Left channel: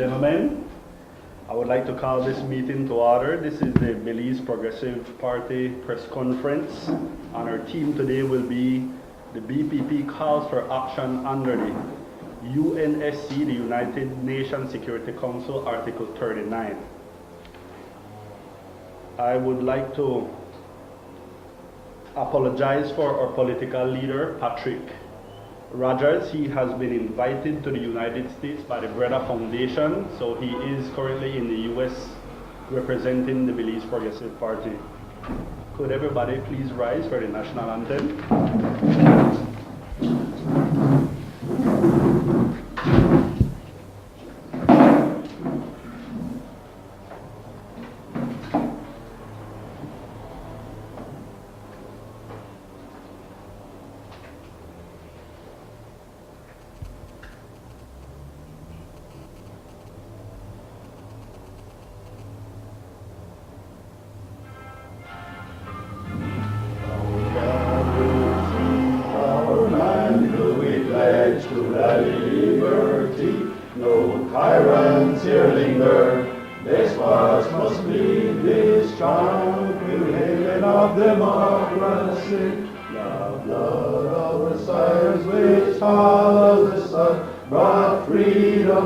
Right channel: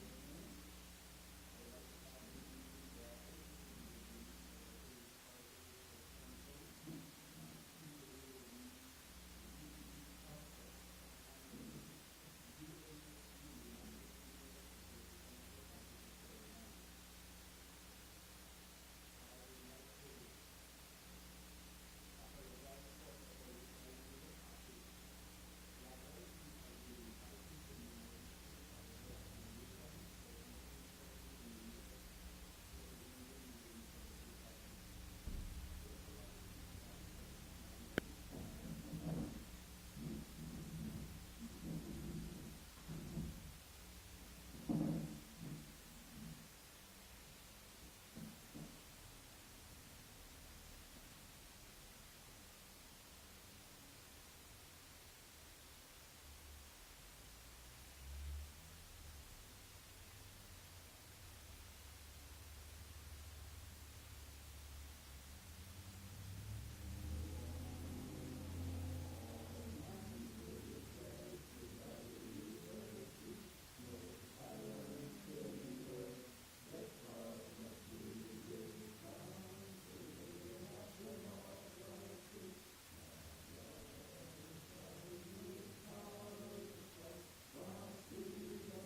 gentlemen, I would like to call this meeting to order. This is the Belize Progressive Party press conference, and our theme today will be the BPP calls for action under the UNSC, the United Nations Security Council, Article 39. I would like to apologize for our political leader, Patrick Rogers. He has been invited to the United States by the BREDDA Foundation, so he is currently in the US representing the Belize Progressive Party. Could everybody please rise for the national anthem?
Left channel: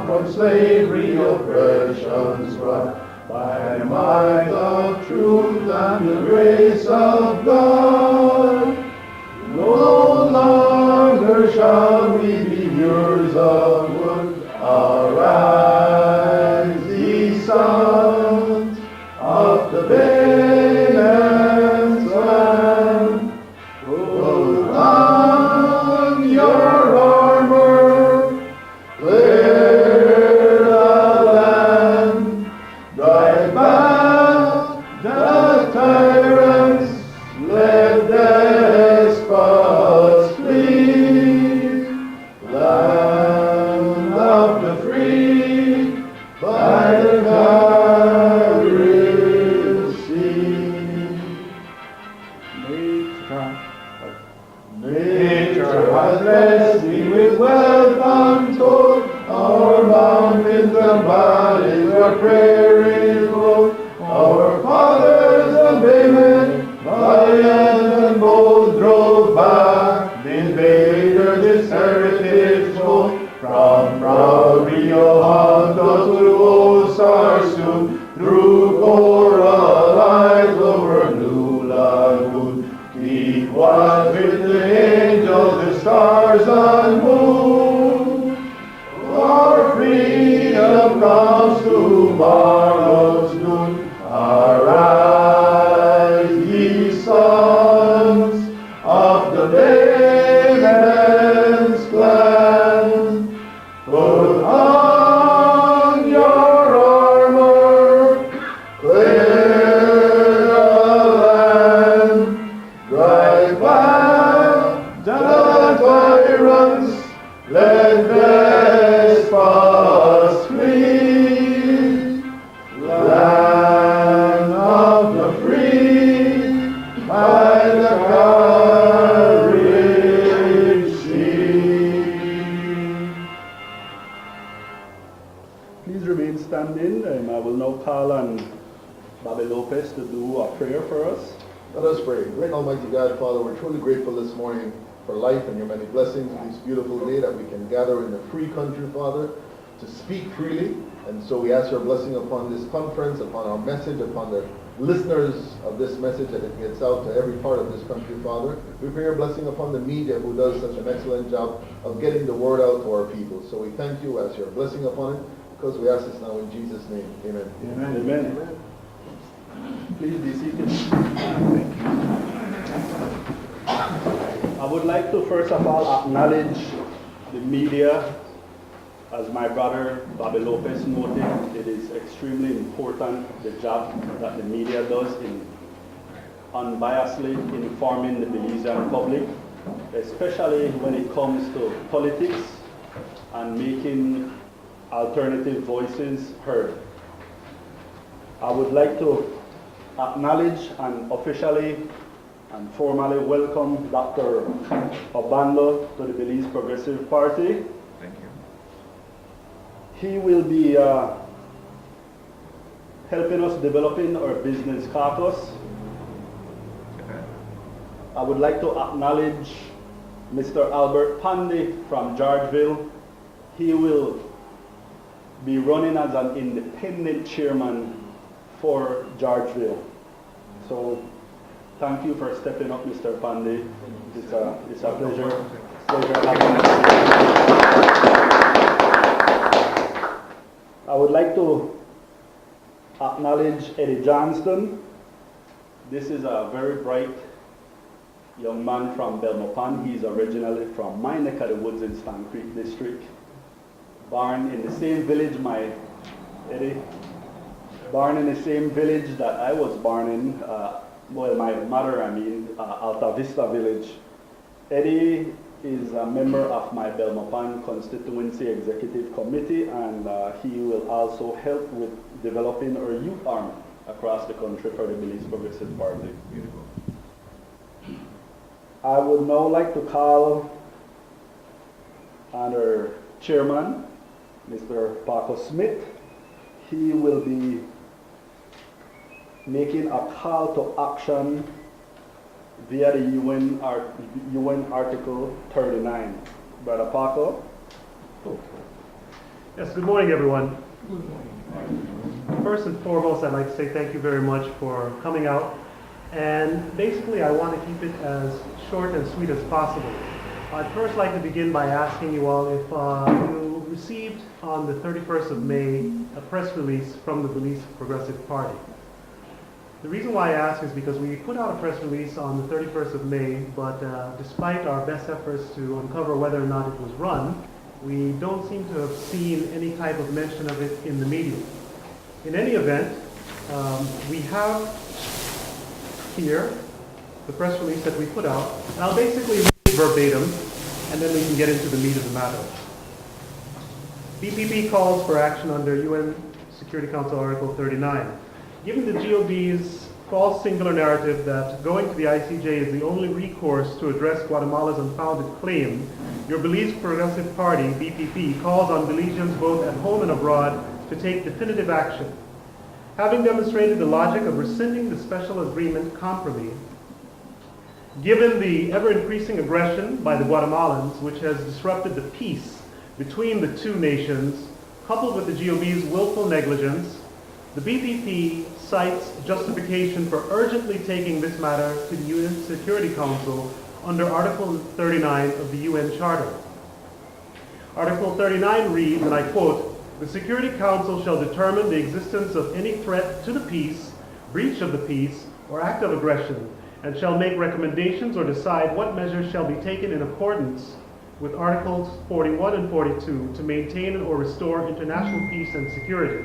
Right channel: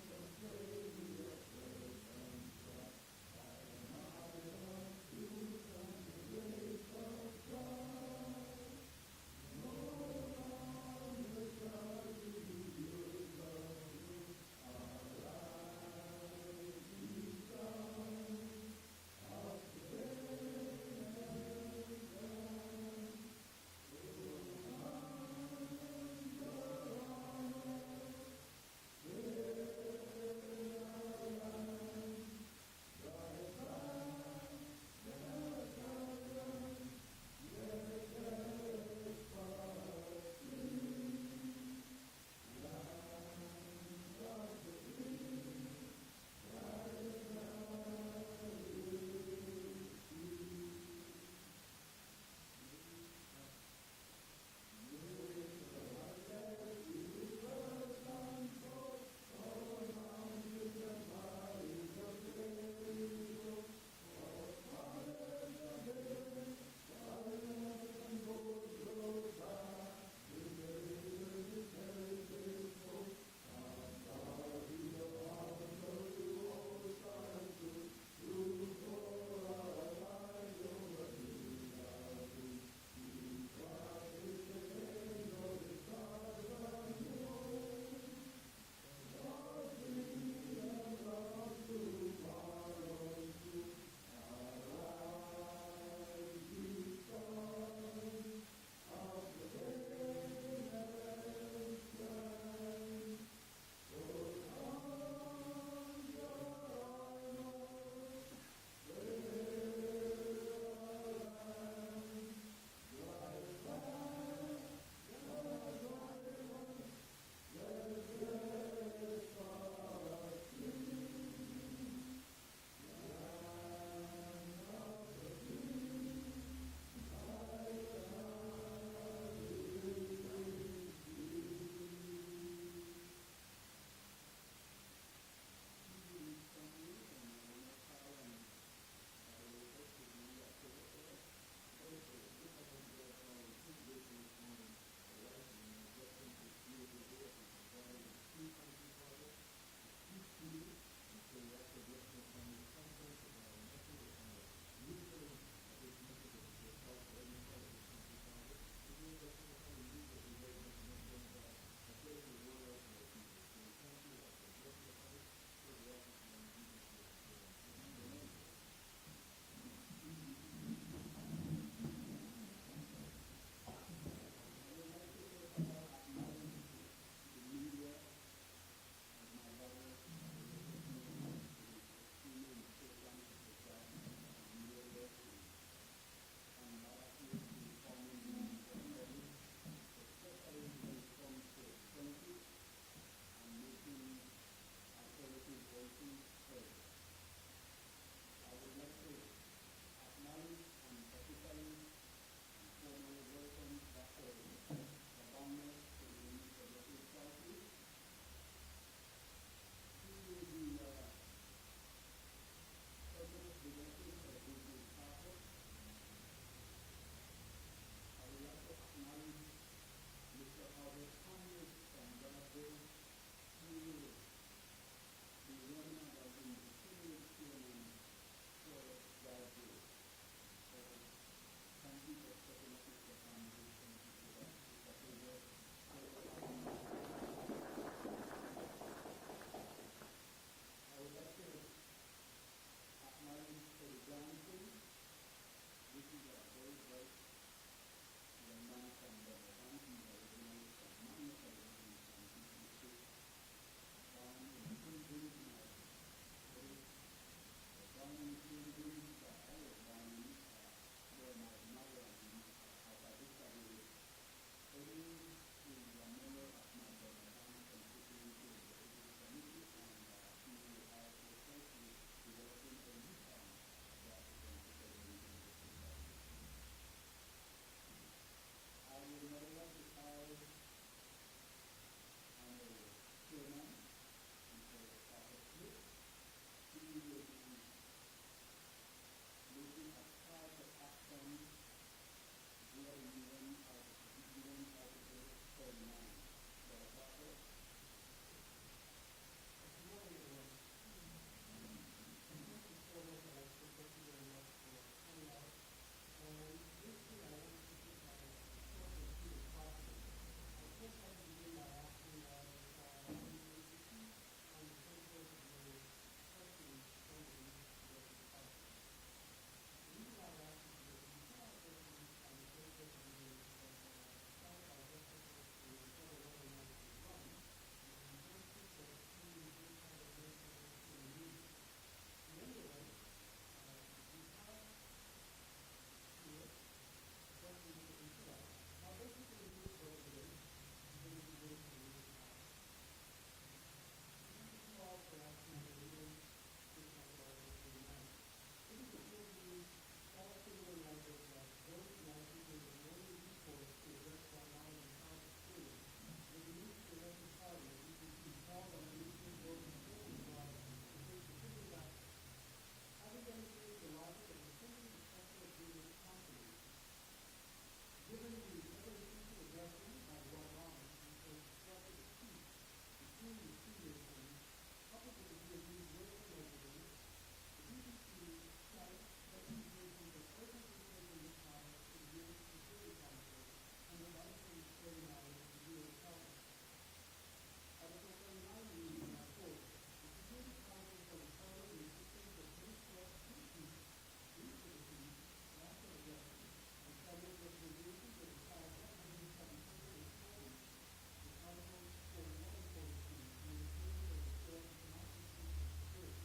From slavery, oppressions brought by the might of truth and the grace of God. No longer shall we be hearers of wood. Arise, ye sons of the Banner's land. Put on your armor, country, Father, to speak freely. And so we ask your blessing upon this conference, upon our message, upon the listeners of this message, that it gets out to every part of this country, Father. We pray your blessing upon the media, who does such an excellent job of getting the word out to our people. So we thank you, as your blessing upon it, because we ask this now in Jesus' name. Amen. Amen. Amen. Amen. Please be seated. I would like to first of all acknowledge the media. As my brother Bobby Lopez noted, it is extremely important, the job that the media does in unbiasedly informing the Belizean public, especially when it comes to politics and making alternative voices heard. I would like to acknowledge and officially and formally welcome Dr. Obando to the Belize Progressive Party. Thank you. He will be helping us developing our business caucus. I would like to acknowledge Mr. Albert Pandy from Georgeville. He will be running as an independent chairman for Georgeville. So thank you for stepping up, Mr. Pandy. It's a pleasure having you. I would like to acknowledge Eddie Johnston. This is a very bright young man from Belmopan. He's originally from my neck of the woods in Stan Creek District. Born in the same village, Eddie, born in the same village that I was born in, well, my mother, Alta Vista Village. Eddie is a member of my Belmopan constituency executive committee, and he will also help with developing our youth arm across the country for the Belize Progressive Party. Beautiful. I would now like to call on our chairman, Mr. Paco Smith. He will be making a call to action via the UN Article 39. Brother Paco. Yes, good morning, everyone. First and foremost, I'd like to say thank you very much for coming out. And basically, I want to keep it as short and sweet as possible. I'd first like to begin by asking you all if you received on the 31st of May a press release from the Belize Progressive Party. The reason why I ask is because we put out a press release on the 31st of May, but despite our best efforts to uncover whether or not it was run, we don't seem to have seen any type of mention of it in the media. In any event, we have here the press release that we put out, and I'll basically read verbatim, and then we can get into the meat of the matter. BPP calls for action under UN Security Council Article 39. Given the GOB's false singular narrative that going to the ICJ is the only recourse to address Guatemala's unfounded claim, your Belize Progressive Party, BPP, calls on Belizeans both at home and abroad to take definitive action. Having demonstrated the logic of rescinding the special agreement Compromis, given the ever-increasing aggression by the Guatemalans, which has disrupted the peace between the two nations, coupled with the GOB's willful negligence, the BPP cites justification for urgently taking this matter to the UN Security Council under Article 39 of the UN Charter. Article 39 reads, and I quote, "The Security Council shall determine the existence of any threat to the peace, breach of the peace, or act of aggression, and shall make recommendations or decide what measures shall be taken in accordance with Articles 41 and 42 to maintain or restore international peace and security."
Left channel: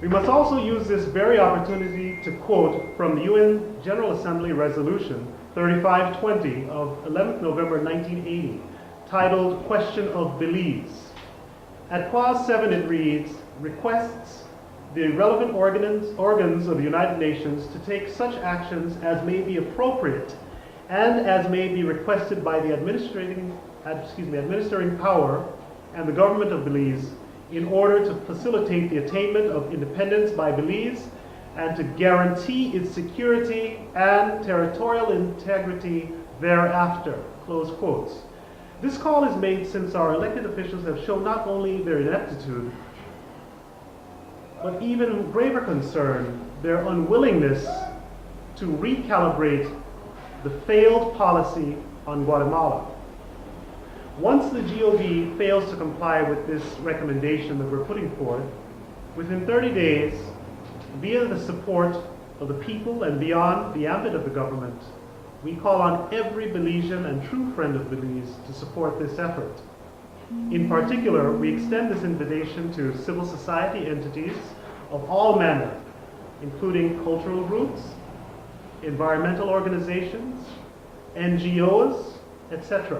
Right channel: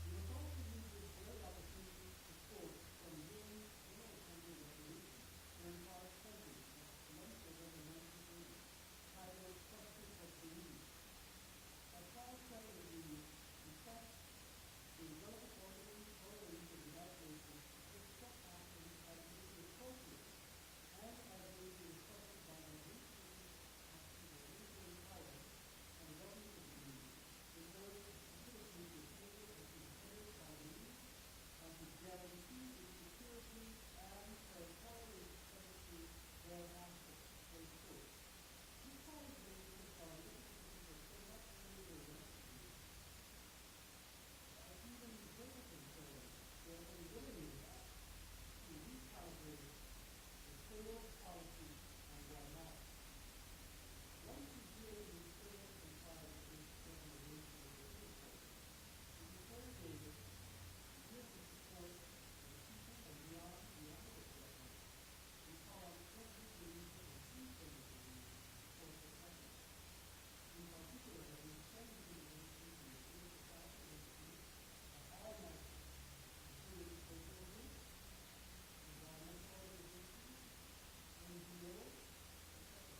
We must also use this very opportunity to quote from the UN General Assembly Resolution 3520 of 11th November 1980, titled Question of Belize. At Clause 7 it reads, requests the relevant organs of the United Nations to take such actions as may be appropriate and as may be requested by the administering power and the government of Belize in order to facilitate the attainment of independence by Belize and to guarantee its security and territorial integrity thereafter, close quotes. This call is made since our elected officials have shown not only their ineptitude, but even graver concern, their unwillingness to recalibrate the failed policy on Guatemala. Once the GOB fails to comply with this recommendation that we're putting forth, within 30 days, via the support of the people and beyond the ambit of the government, we call on every Belizean and true friend of Belize to support this effort. In particular, we extend this invitation to civil society entities of all manner, including cultural groups, environmental organizations, NGOs, etc.,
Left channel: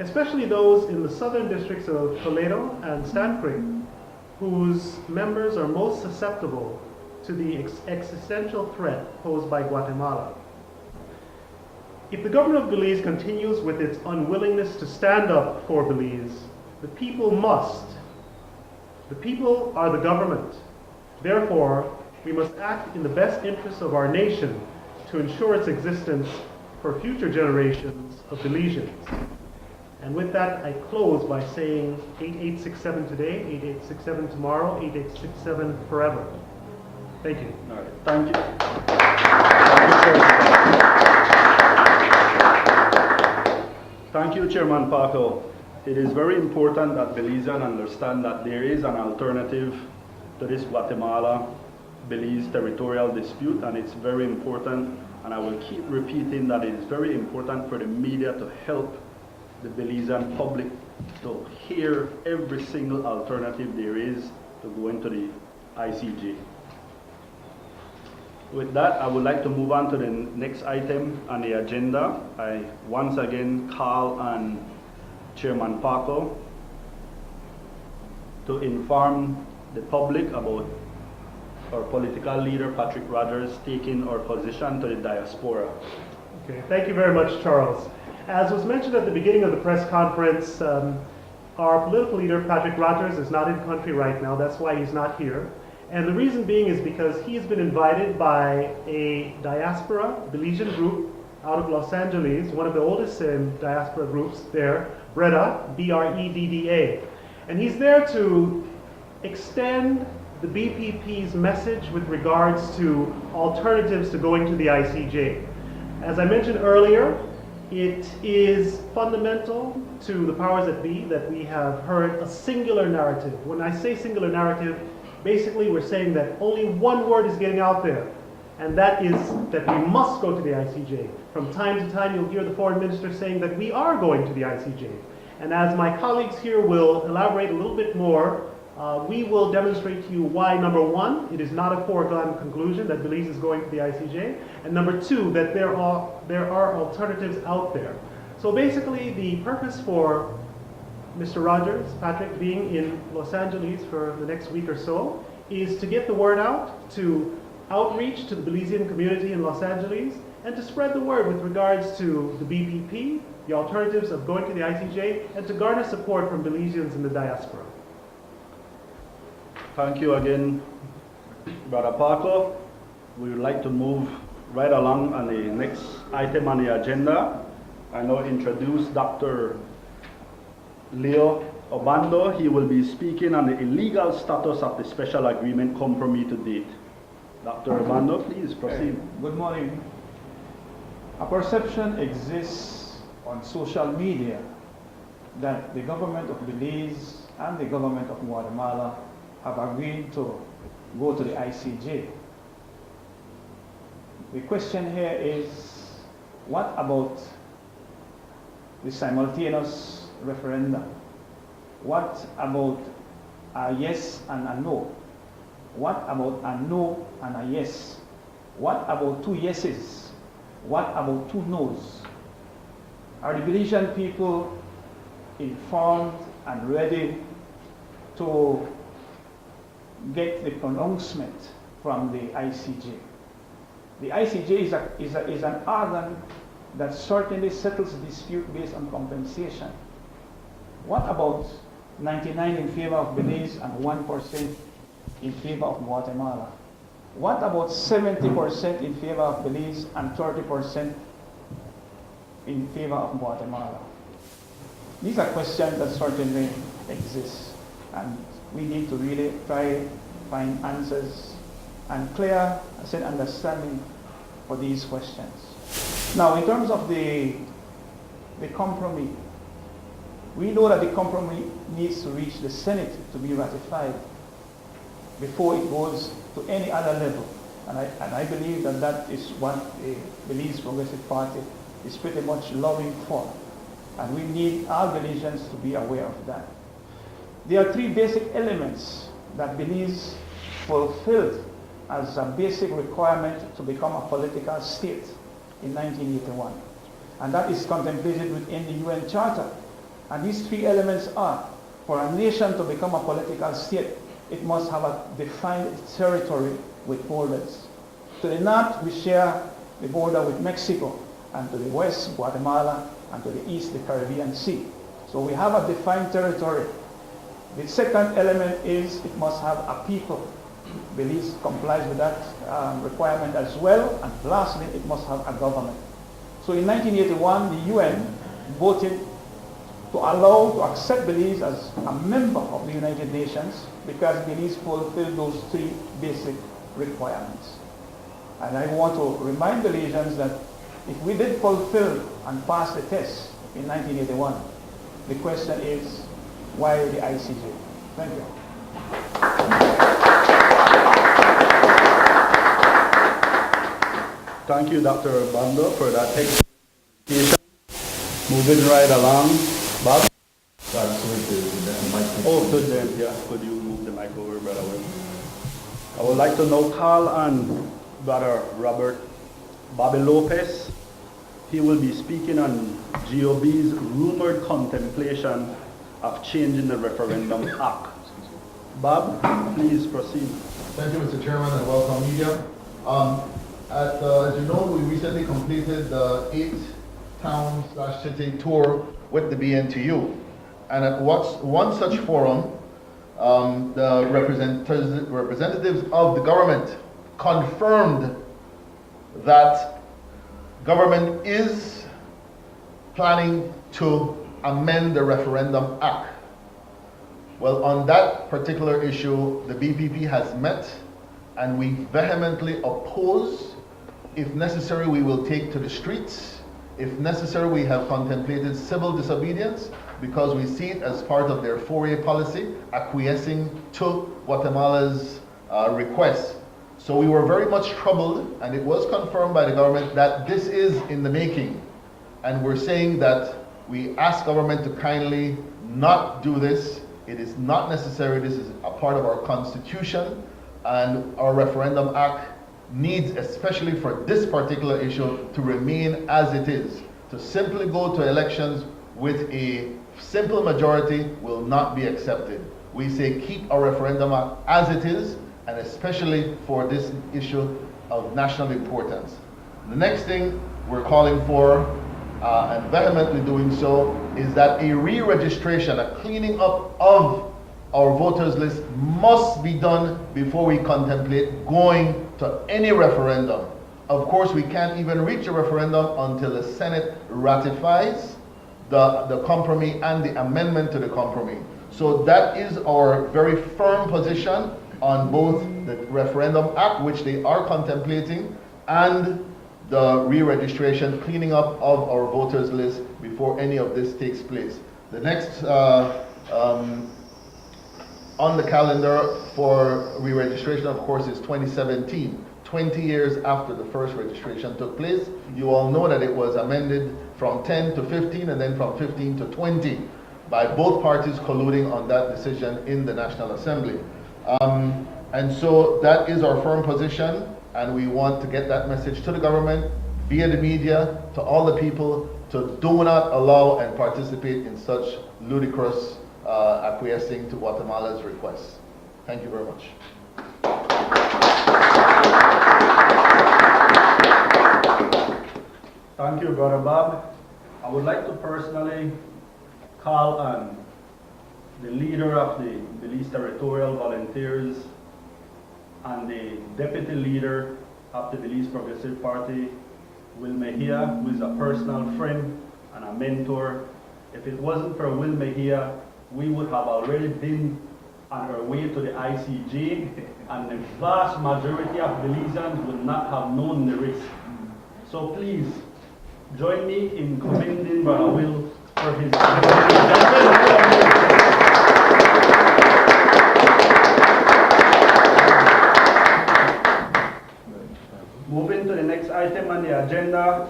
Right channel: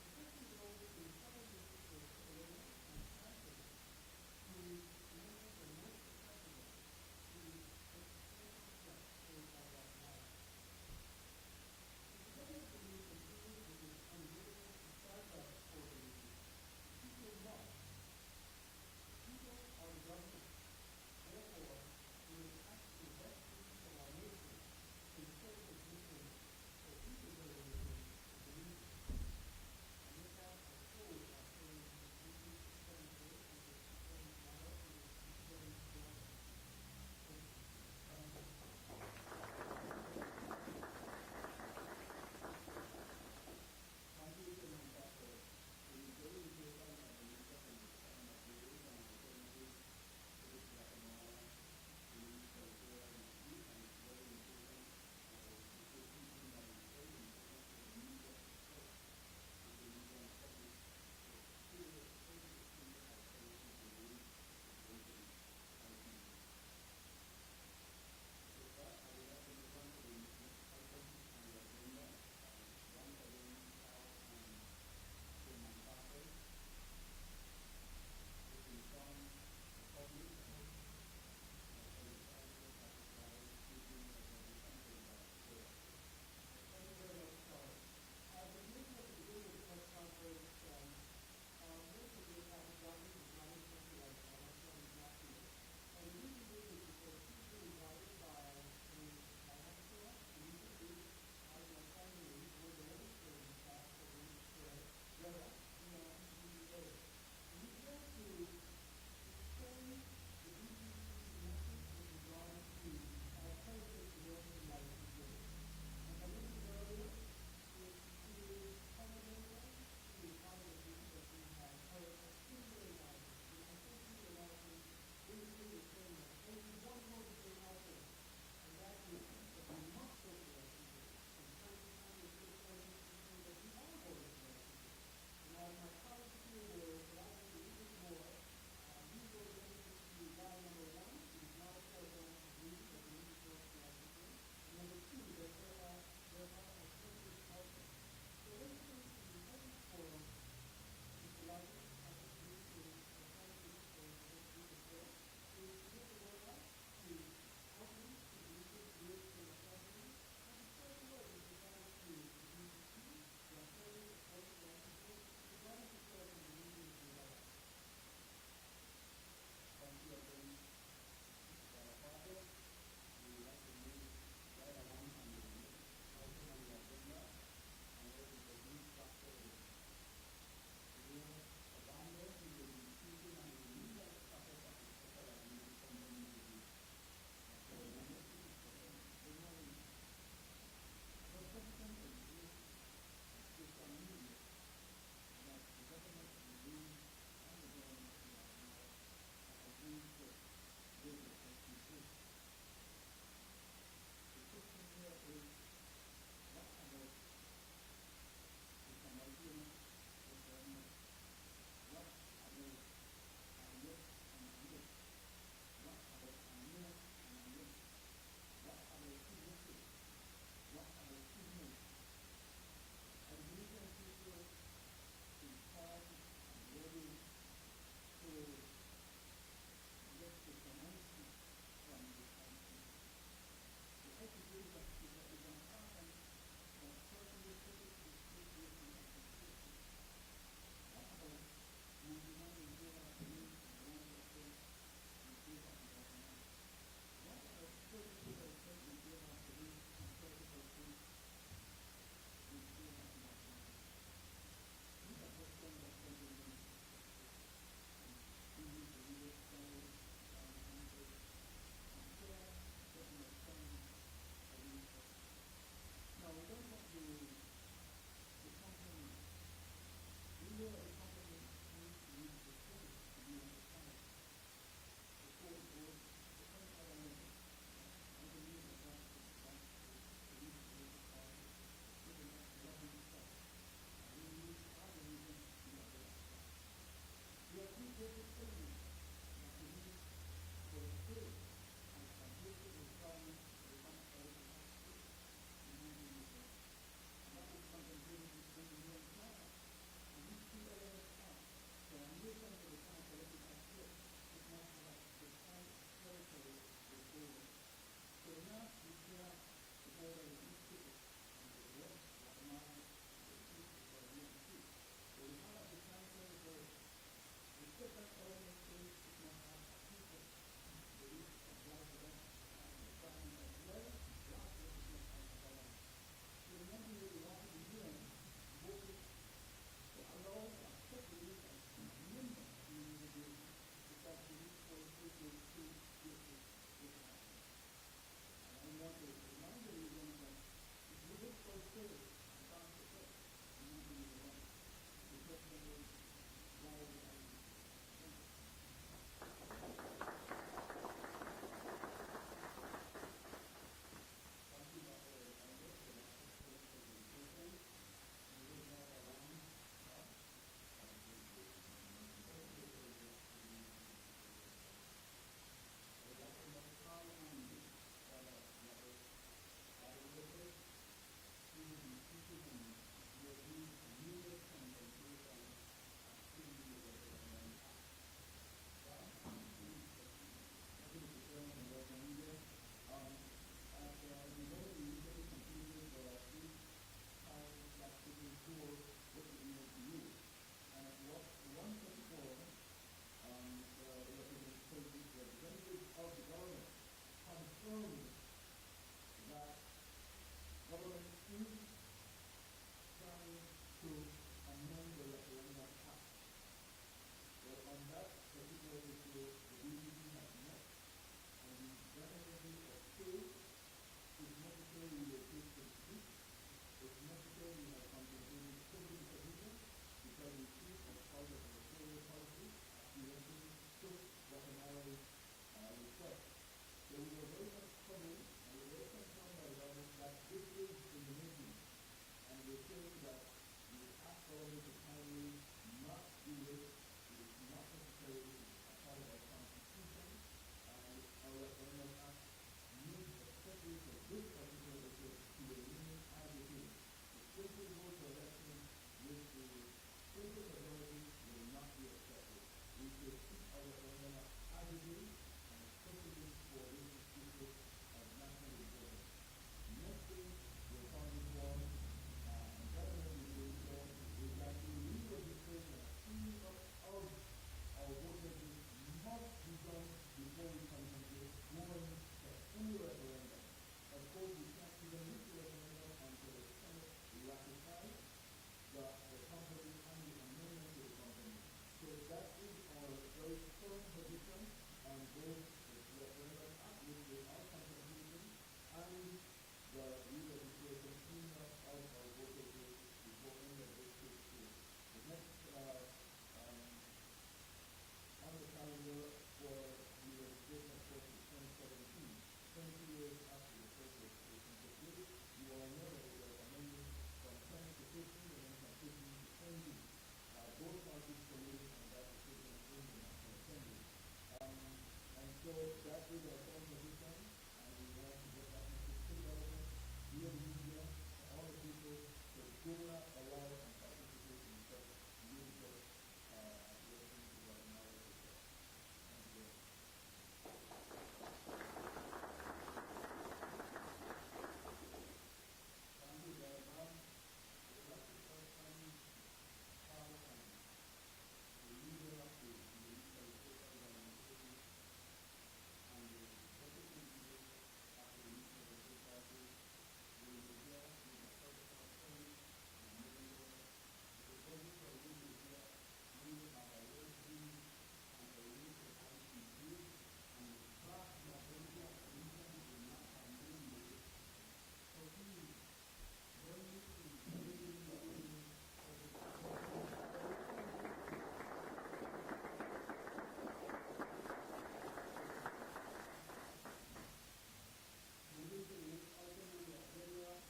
especially those in the southern districts of Toledo and Stan Creek, whose members are most susceptible to the existential threat posed by Guatemala. If the government of Belize continues with its unwillingness to stand up for Belize, the people must, The people are the government. Therefore, we must act in the best interests of our nation to ensure its existence for future generations of Belizeans. And with that, I close by saying 8867 today, 8867 tomorrow, 8867 forever. Thank you. All right. Thank you. Thank you, Chairman Parker. It is very important that Belizeans understand that there is an alternative to this Guatemala-Belize territorial dispute, and it's very important, and I will keep repeating that it is very important for the media to help the Belizean public to hear every single alternative there is to go into the ICJ. With that, I would like to move on to the next item on the agenda. I once again call on Chairman Parker to inform the public about our political leader, Patrick Rogers, taking our position to the Diaspora. Okay, thank you very much, Charles. As was mentioned at the beginning of the press conference, our political leader, Patrick Rogers, is not in country right now. That's why he's not here. And the reason being is because he's been invited by a Diaspora Belizean group out of Los Angeles, one of the oldest diaspora groups there, BREDDA, B-R-E-D-D-A. And he's there to extend the BPP's message with regards to alternatives to going to the ICJ. As I mentioned earlier, it is fundamental to the powers that be that we have heard a singular narrative. When I say singular narrative, basically we're saying that only one word is getting out there, and that is that we must go to the ICJ. From time to time you'll hear the foreign minister saying that we are going to the ICJ. And as my colleagues here will elaborate a little bit more, we will demonstrate to you why, number one, it is not a foregone conclusion that Belize is going to the ICJ, and number two, that there are alternatives out there. So basically, the purpose for Mr. Rogers, Patrick, being in Los Angeles for the next week or so is to get the word out, to outreach to the Belizean community in Los Angeles, and to spread the word with regards to the BPP, the alternatives of going to the ICJ, and to garner support from Belizeans in the diaspora. Thank you again, Brother Parker. We would like to move right along on the next item on the agenda. I now introduce Dr. Leo Obando. He will be speaking on the illegal status of the special agreement Compromis-to-date. Dr. Obando, please proceed. Good morning. A perception exists on social media that the government of Belize and the government of Guatemala have agreed to go to the ICJ. The question here is, what about the simultaneous referendum? What about a yes and a no? What about a no and a yes? What about two yeses? What about two no's? Are the Belizean people informed and ready to get the pronouncement from the ICJ? The ICJ is an organ that certainly settles dispute based on compensation. What about 99 in favor of Belize and 1% in favor of Guatemala? What about 70% in favor of Belize and 30% in favor of Guatemala? These are questions that certainly exist, and we need to really try to find answers and clear understanding for these questions. Now, in terms of the compromise, we know that the compromise needs to reach the Senate to be ratified before it goes to any other level. And I believe that that is what the Belize Progressive Party is pretty much lobbying for. And we need all Belizeans to be aware of that. There are three basic elements that Belize fulfilled as a basic requirement to become a political state in 1981. And that is contemplated within the UN Charter. And these three elements are, for a nation to become a political state, it must have a defined territory with borders. To the north, we share the border with Mexico, and to the west, Guatemala, and to the east, the Caribbean Sea. So we have a defined territory. The second element is it must have a people. Belize complies with that requirement as well. And lastly, it must have a government. So in 1981, the UN voted to accept Belize as a member of the United Nations because Belize fulfilled those three basic requirements. And I want to remind Belizeans that if we did fulfill and pass the test in 1981, the question is, why the ICJ? Thank you. Thank you, Dr. Bando, for that explanation. Moving right along. Bob? Oh, good then. Yeah, could you move the mic over, Brother Will? I would like to now call on Brother Robert Bobby Lopez. He will be speaking on GOB's rumored contemplation of changing the Referendum Act. Bob, please proceed. Thank you, Mr. Chairman, and welcome, media. As you know, we recently completed the 8-town/city tour with the BNTU. And at one such forum, the representatives of the government confirmed that government is planning to amend the Referendum Act. Well, on that particular issue, the BPP has met, and we vehemently oppose. If necessary, we will take to the streets. If necessary, we have contemplated civil disobedience because we see it as part of their 4A policy, acquiescing to Guatemala's request. So we were very much troubled, and it was confirmed by the government that this is in the making. And we're saying that we ask government to kindly not do this. It is not necessary. This is a part of our Constitution, and our Referendum Act needs, especially for this particular issue, to remain as it is. To simply go to elections with a simple majority will not be accepted. We say keep our Referendum Act as it is, and especially for this issue of national importance. The next thing we're calling for, and vehemently doing so, is that a re-registration, a cleaning up of our voters list must be done before we contemplate going to any referendum. Of course, we can't even reach a referendum until the Senate ratifies the compromise and the amendment to the compromise. So that is our very firm position on both the Referendum Act, which they are contemplating, and the re-registration, cleaning up of our voters list before any of this takes place. The next on the calendar for re-registration, of course, is 2017, 20 years after the first registration took place. You all know that it was amended from 10 to 15 and then from 15 to 20 by both parties colluding on that decision in the National Assembly. And so that is our firm position, and we want to get that message to the government, via the media, to all the people, to do not allow and participate in such ludicrous acquiescing to Guatemala's requests. Thank you very much. Thank you, Brother Bob. I would like to personally call on the leader of the Belize Territorial Volunteers and the deputy leader of the Belize Progressive Party, Will Mejia, who is a personal friend and a mentor. If it wasn't for Will Mejia, we would have already been on our way to the ICJ, and the vast majority of Belizeans would not have known the risk. So please, join me in commending Brother Will for his Moving to the next item on the agenda,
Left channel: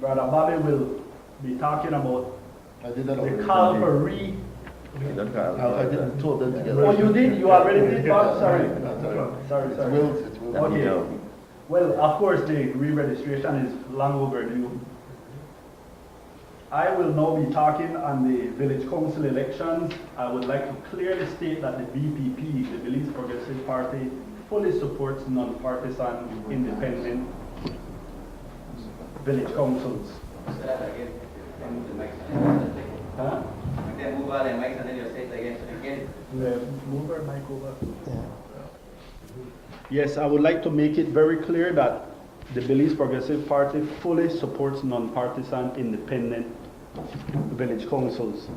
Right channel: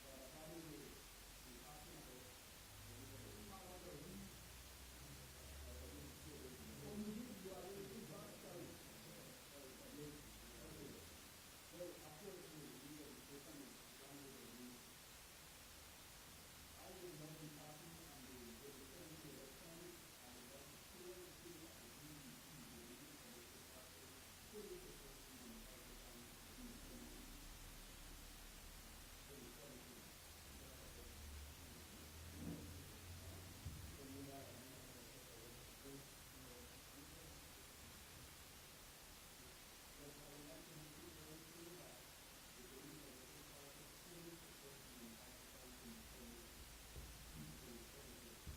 Brother Bobby will be talking about the call for I didn't talk them together. Oh, you did? You already did, Bob? Sorry. Sorry. It's Will. Okay. Well, of course, the re-registration is long overdue. I will now be talking on the village council elections. I would like to clearly state that the BPP, the Belize Progressive Party, fully supports non-partisan, independent village councils. Move our mic over. Yes, I would like to make it very clear that the Belize Progressive Party fully supports non-partisan independent village councils.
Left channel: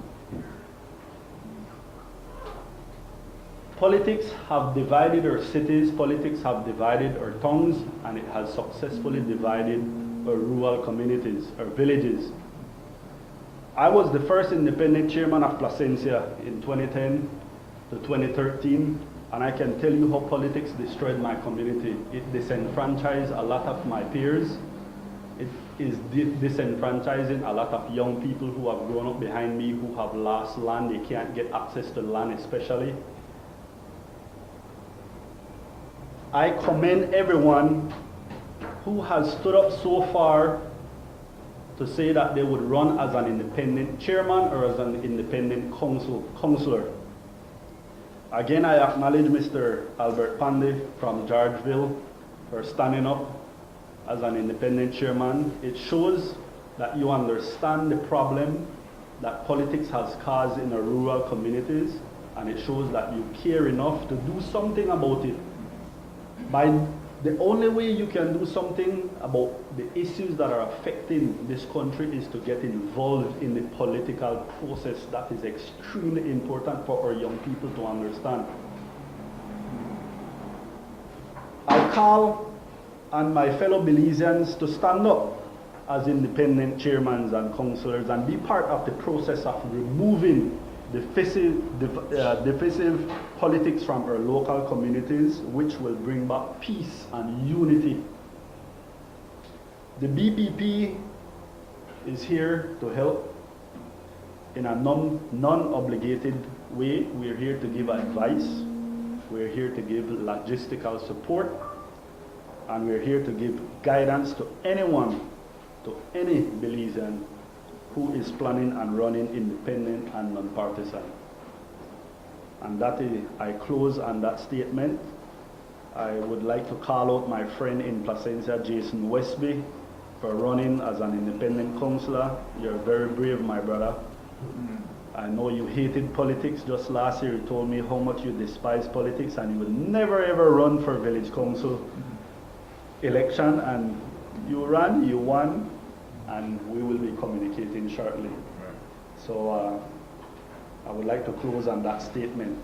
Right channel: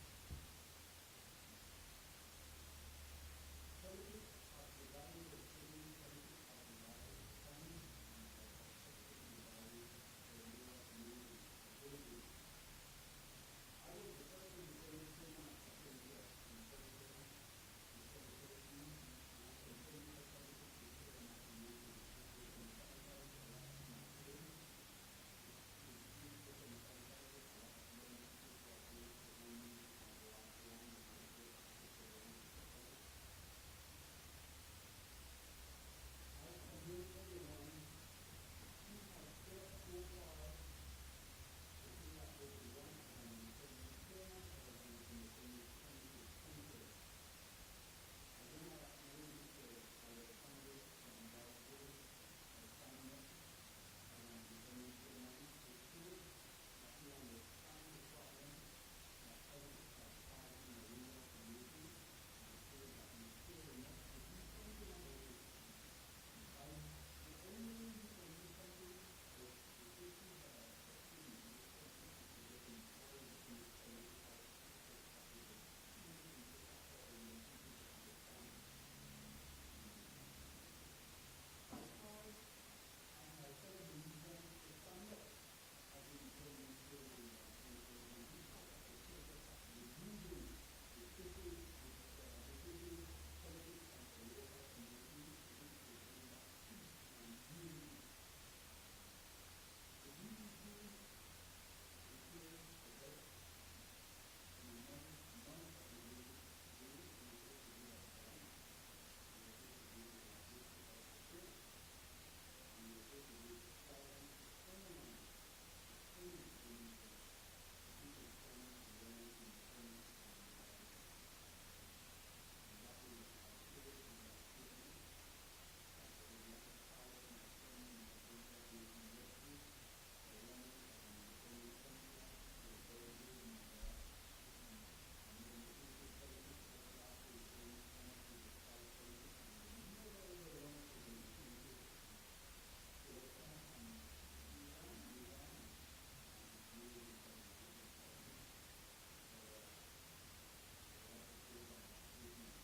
Politics have divided our cities, politics have divided our towns, and it has successfully divided our rural communities, our villages. I was the first independent chairman of Placencia in 2010 to 2013, and I can tell you how politics destroyed my community. It disenfranchised a lot of my peers. It is disenfranchising a lot of young people who have grown up behind me, who have lost land. They can't get access to land especially. I commend everyone who has stood up so far to say that they would run as an independent chairman or as an independent councillor. Again, I acknowledge Mr. Albert Pandey from Georgeville for standing up as an independent chairman. It shows that you understand the problem that politics has caused in our rural communities, and it shows that you care enough to do something about it. The only way you can do something about the issues that are affecting this country is to get involved in the political process. That is extremely important for our young people to understand. I call on my fellow Belizeans to stand up as independent chairmans and councillors and be part of the process of removing divisive politics from our local communities, which will bring back peace and unity. The BPP is here to help in a non-obligated way. We're here to give advice, we're here to give logistical support, and we're here to give guidance to anyone, to any Belizean who is planning and running independent and non-partisan. And that is, I close on that statement. I would like to call out my friend in Placencia, Jason Westby, for running as an independent councillor. You're very brave, my brother. I know you hated politics. Just last year you told me how much you despise politics and you will never ever run for village council election, and you ran, you won, and we will be communicating shortly. So I would like to close on that statement.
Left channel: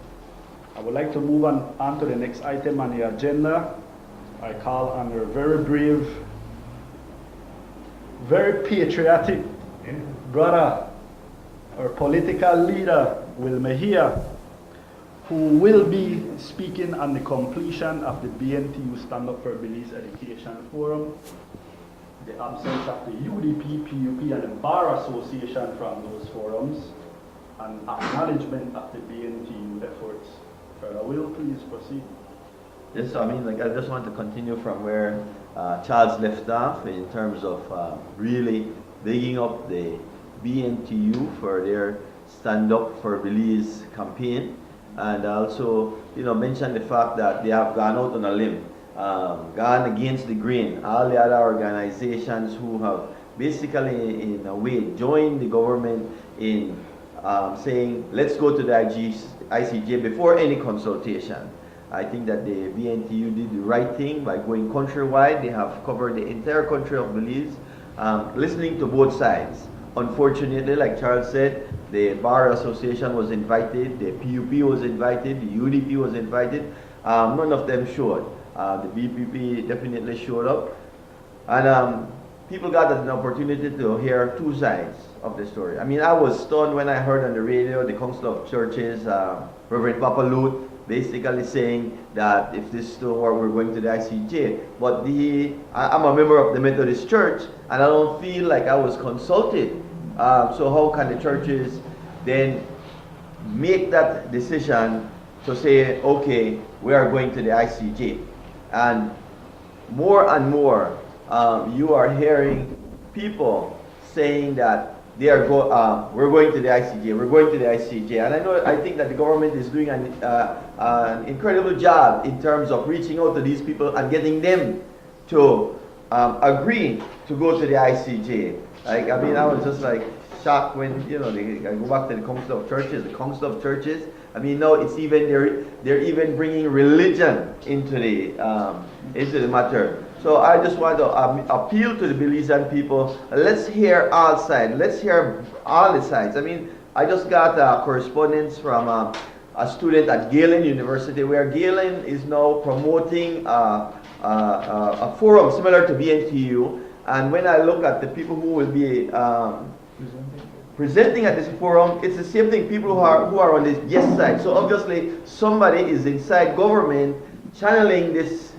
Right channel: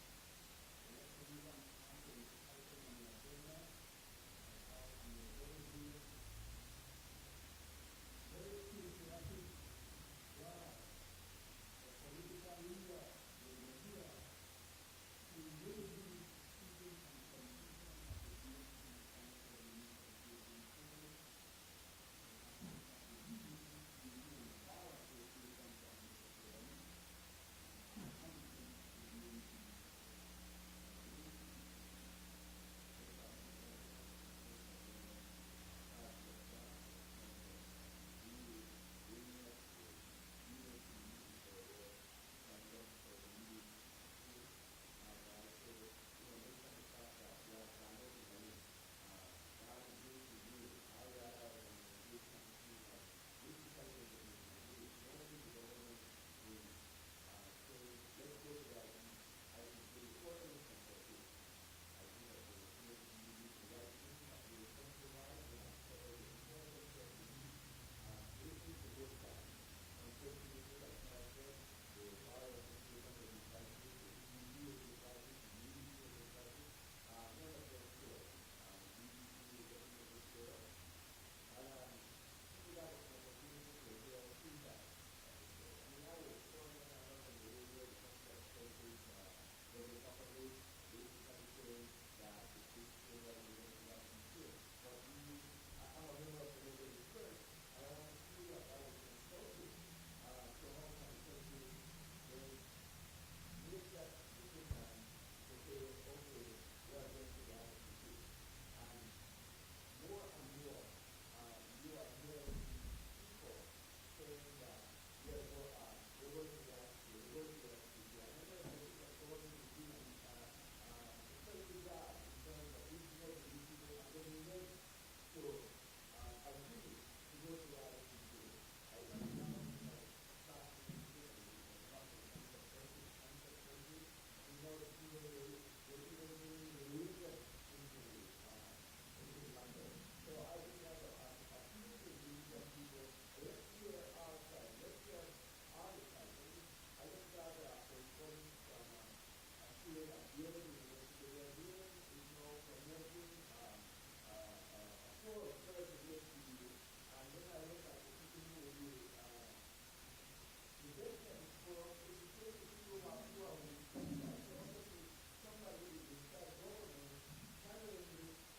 I would like to move on to the next item on the agenda. I call on our very brave, very patriotic brother, our political leader, Will Mejia, who will be speaking on the completion of the BNTU Stand Up for Belize Education Forum, the absence of the UDP, PUP, and the Bar Association from those forums, and acknowledgement of the BNTU efforts. Will, please proceed. Yes, I mean, I just want to continue from where Charles left off in terms of really digging up the BNTU for their Stand Up for Belize campaign, and also, mention the fact that they have gone out on a limb. Gone against the grain. All the other organizations who have basically, in a way, joined the government in saying, let's go to the ICJ before any consultation. I think that the BNTU did the right thing by going countrywide. They have covered the entire country of Belize, listening to both sides. Unfortunately, like Charles said, the Bar Association was invited, the PUP was invited, the UDP was invited. None of them showed. The BPP definitely showed up, and people got an opportunity to hear two sides of the story. I mean, I was stunned when I heard on the radio the Council of Churches, Reverend Papa Lut, basically saying that if this don't work, we're going to the ICJ. But I'm a member of the Methodist Church, and I don't feel like I was consulted. So how can the churches then make that decision to say, okay, we are going to the ICJ? And more, you are hearing people saying that we're going to the ICJ, we're going to the ICJ. And I think that the government is doing an incredible job in terms of reaching out to these people and getting them to agree to go to the ICJ. I was just shocked when, I go back to the Council of Churches. The Council of Churches I mean, now it's even they're even bringing religion into the matter. So I just want to appeal to the Belizean people. Let's hear all sides. Let's hear all the sides. I mean, I just got correspondence from a student at Galen University, where Galen is now promoting a forum similar to BNTU. And when I look at the people who will be presenting at this forum, it's the same thing, people who are on the yes side. So obviously somebody is inside government channeling this,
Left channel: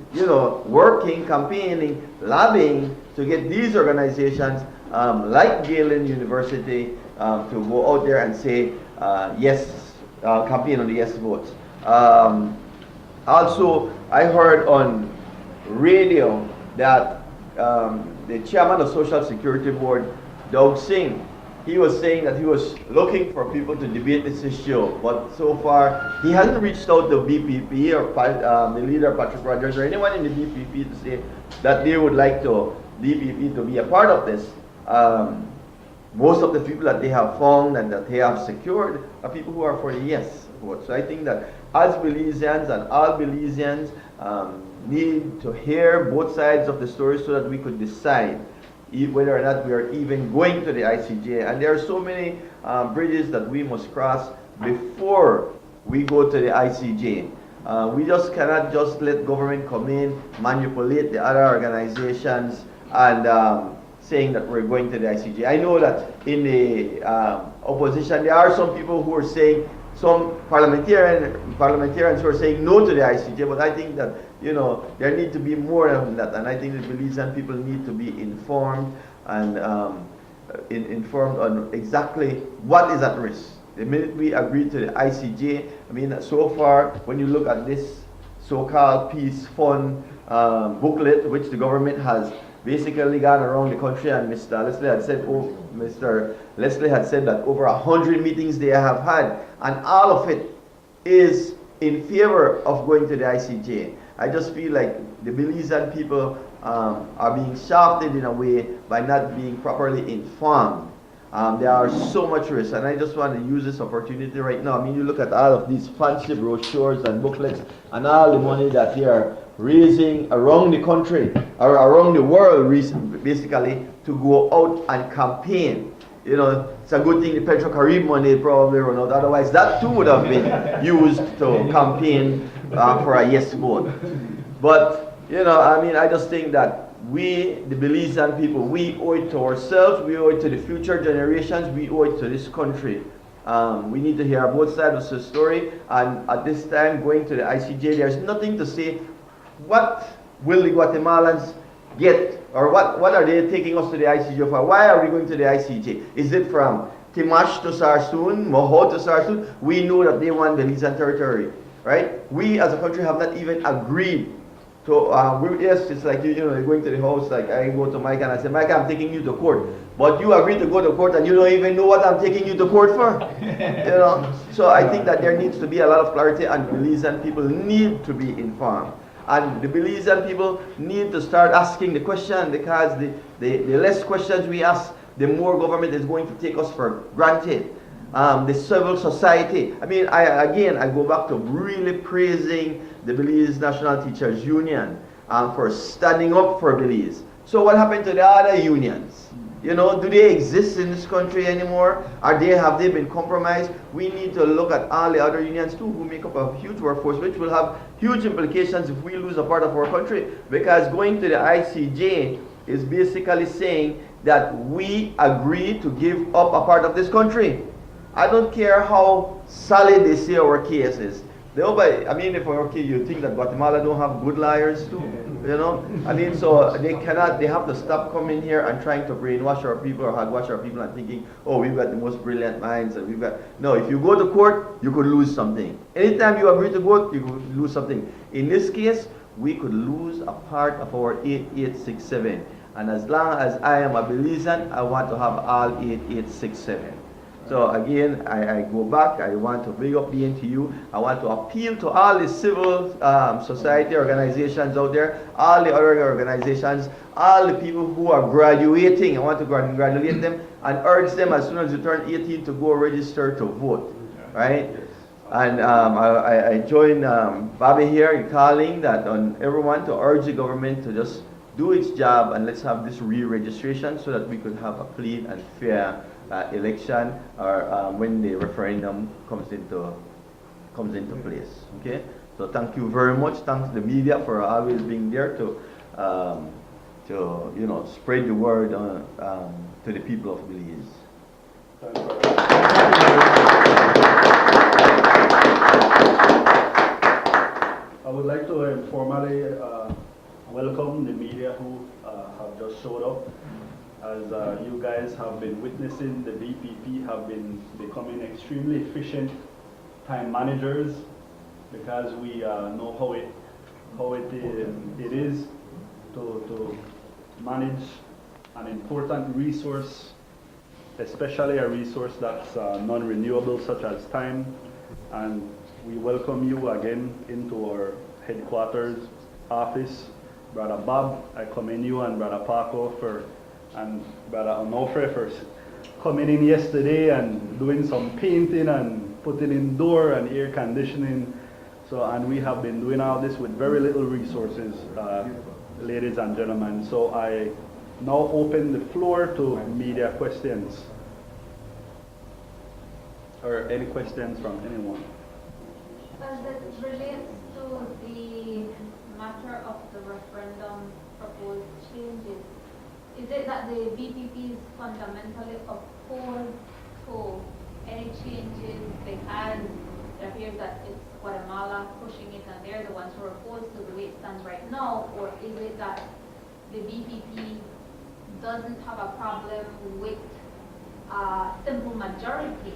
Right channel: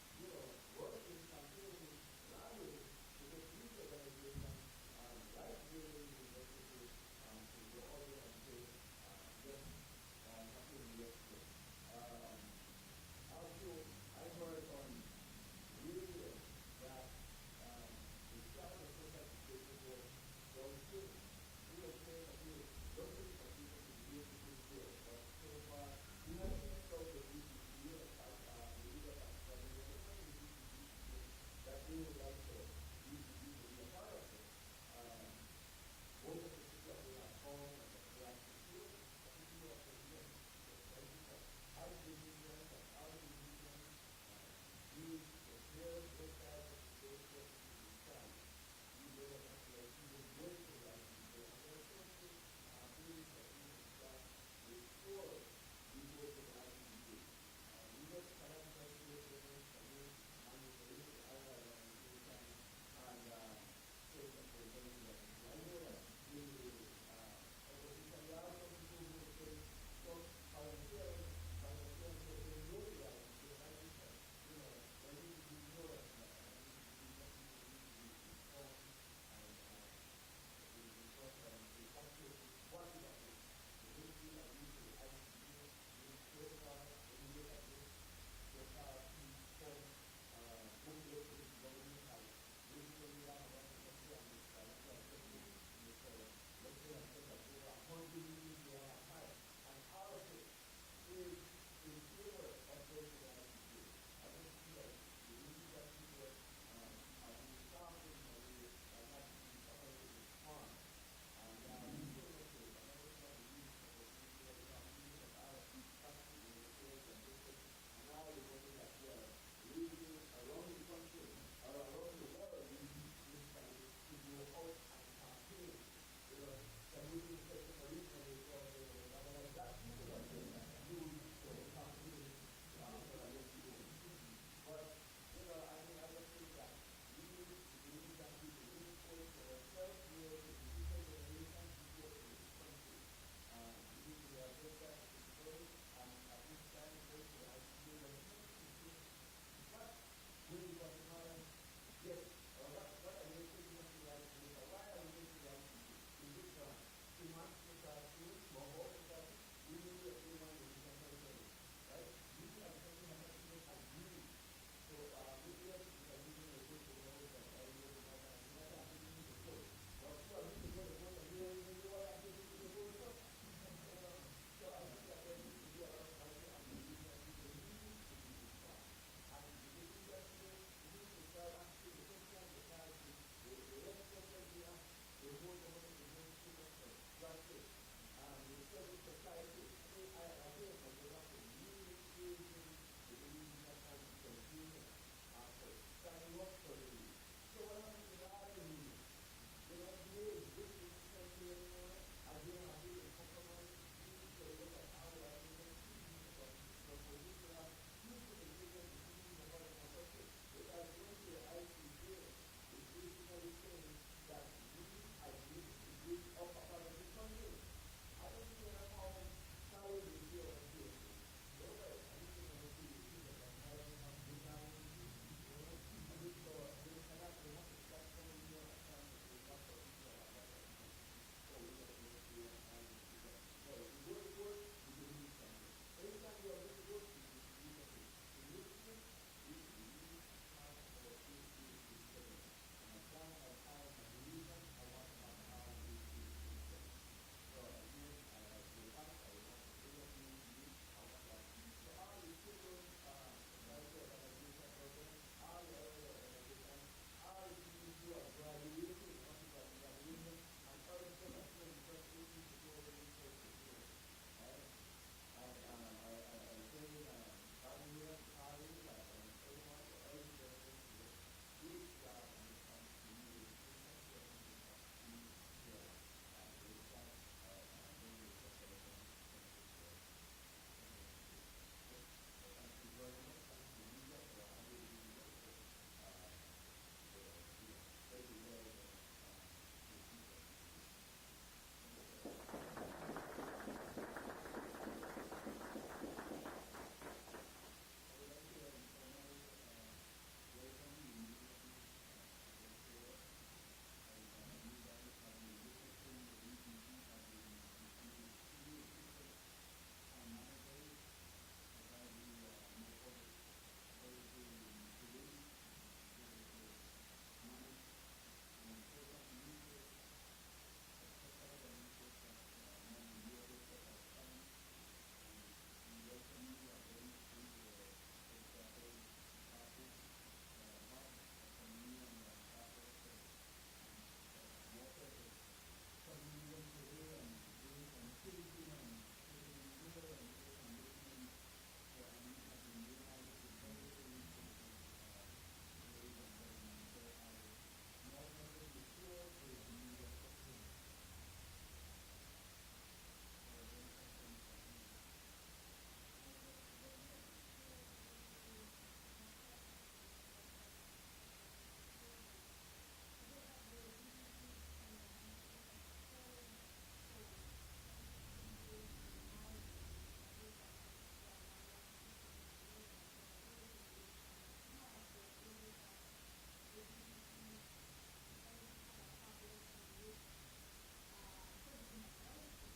working, campaigning, lobbying to get these organizations like Galen University to go out there and say yes, campaign on the yes vote. Also, I heard on radio that the chairman of Social Security Board, Doug Singh, he was saying that he was looking for people to debate this issue, but so far he hasn't reached out to BPP or the leader Patrick Rogers or anyone in the BPP to say that they would like DPP to be a part of this. Most of the people that they have found and that they have secured are people who are for the yes vote. So I think that as Belizeans and all Belizeans need to hear both sides of the story so that we could decide whether or not we are even going to the ICJ. And there are so many bridges that we must cross before we go to the ICJ. We just cannot just let government come in, manipulate the other organizations, and saying that we're going to the ICJ. I know that in the opposition, there are some people who are saying, some parliamentarians who are saying no to the ICJ, but I think that there need to be more than that, and I think the Belizean people need to be informed and informed on exactly what is at risk. The minute we agree to the ICJ, I mean, so far, when you look at this so-called peace fund booklet, which the government has basically gone around the country, and Mr. Leslie had said that over 100 meetings they have had, and all of it is in favor of going to the ICJ. I just feel like the Belizean people are being shafted in a way by not being properly informed. There are so much risk, and I just want to use this opportunity right now. I mean, you look at all of these fancy brochures and booklets and all the money that they are raising around the country, or around the world, basically, to go out and campaign. It's a good thing the Petro-Carib money probably run out. Otherwise, that too would have been used to campaign for a yes vote. But, I mean, I just think that we, the Belizean people, we owe it to ourselves, we owe it to the future generations, we owe it to this country. We need to hear both sides of the story, and at this time, going to the ICJ, there's nothing to say. What will the Guatemalans get, or what are they taking us to the ICJ for? Why are we going to the ICJ? Is it from Timash to Sarsoon, Moho to Sarsoon? We know that they want Belizean territory, right? We as a country have not even agreed to, yes, it's like, you're going to the house, like I go to Mike and I say, Mike, I'm taking you to court. But you agree to go to court and you don't even know what I'm taking you to court for. So I think that there needs to be a lot of clarity, and Belizean people need to be informed. And the Belizean people need to start asking the question, because the less questions we ask, the more government is going to take us for granted. The civil society. I mean, I go back to really praising the Belize National Teachers Union for standing up for Belize. So what happened to the other unions? Do they exist in this country anymore? Have they been compromised? We need to look at all the other unions too, who make up a huge workforce, which will have huge implications if we lose a part of our country. Because going to the ICJ is basically saying that we agree to give up a part of this country. I don't care how solid they say our case is. I mean, if okay, you think that Guatemala don't have good liars too, I mean, so they have to stop coming here and trying to brainwash our people or hogwash our people and thinking, oh, we've got the most brilliant minds, and no, if you go to court, you could lose something. Anytime you agree to vote, you could lose something. In this case, we could lose a part of our 8867. And as long as I am a Belizean, I want to have all 8867. So again, I go back, I want to bring up the NTU, I want to appeal to all the civil society organizations out there, all the other organizations, all the people who are graduating. I want to congratulate them and urge them as soon as you turn 18 to go register to vote, right? And I join Bobby here in calling that on everyone to urge the government to just do its job and let's have this re-registration so that we could have a clean and fair election or when the referendum comes into place. Okay. So thank you very much. Thanks to the media for always being there to spread the word to the people of Belize. I would like to informally welcome the media who have just showed up. As you guys have been witnessing, the BPP have been becoming extremely efficient time managers because we know how it is to manage an important resource, especially a resource that's non-renewable such as time. And we welcome you again into our headquarters office. Brother Bob, I commend you, and Brother Paco and Brother Onofre for coming in yesterday and doing some painting and putting in door and air conditioning. And we have been doing all this with very little resources, ladies and gentlemen. So I now open the floor to media questions. Or any questions from anyone? As it relates to the matter of the referendum proposed changes, is it that the BPP is fundamentally opposed to any changes because it appears that it's Guatemala pushing it and they're the ones who are opposed to the way it stands right now, or is it that the BPP doesn't have a problem with a simple majority,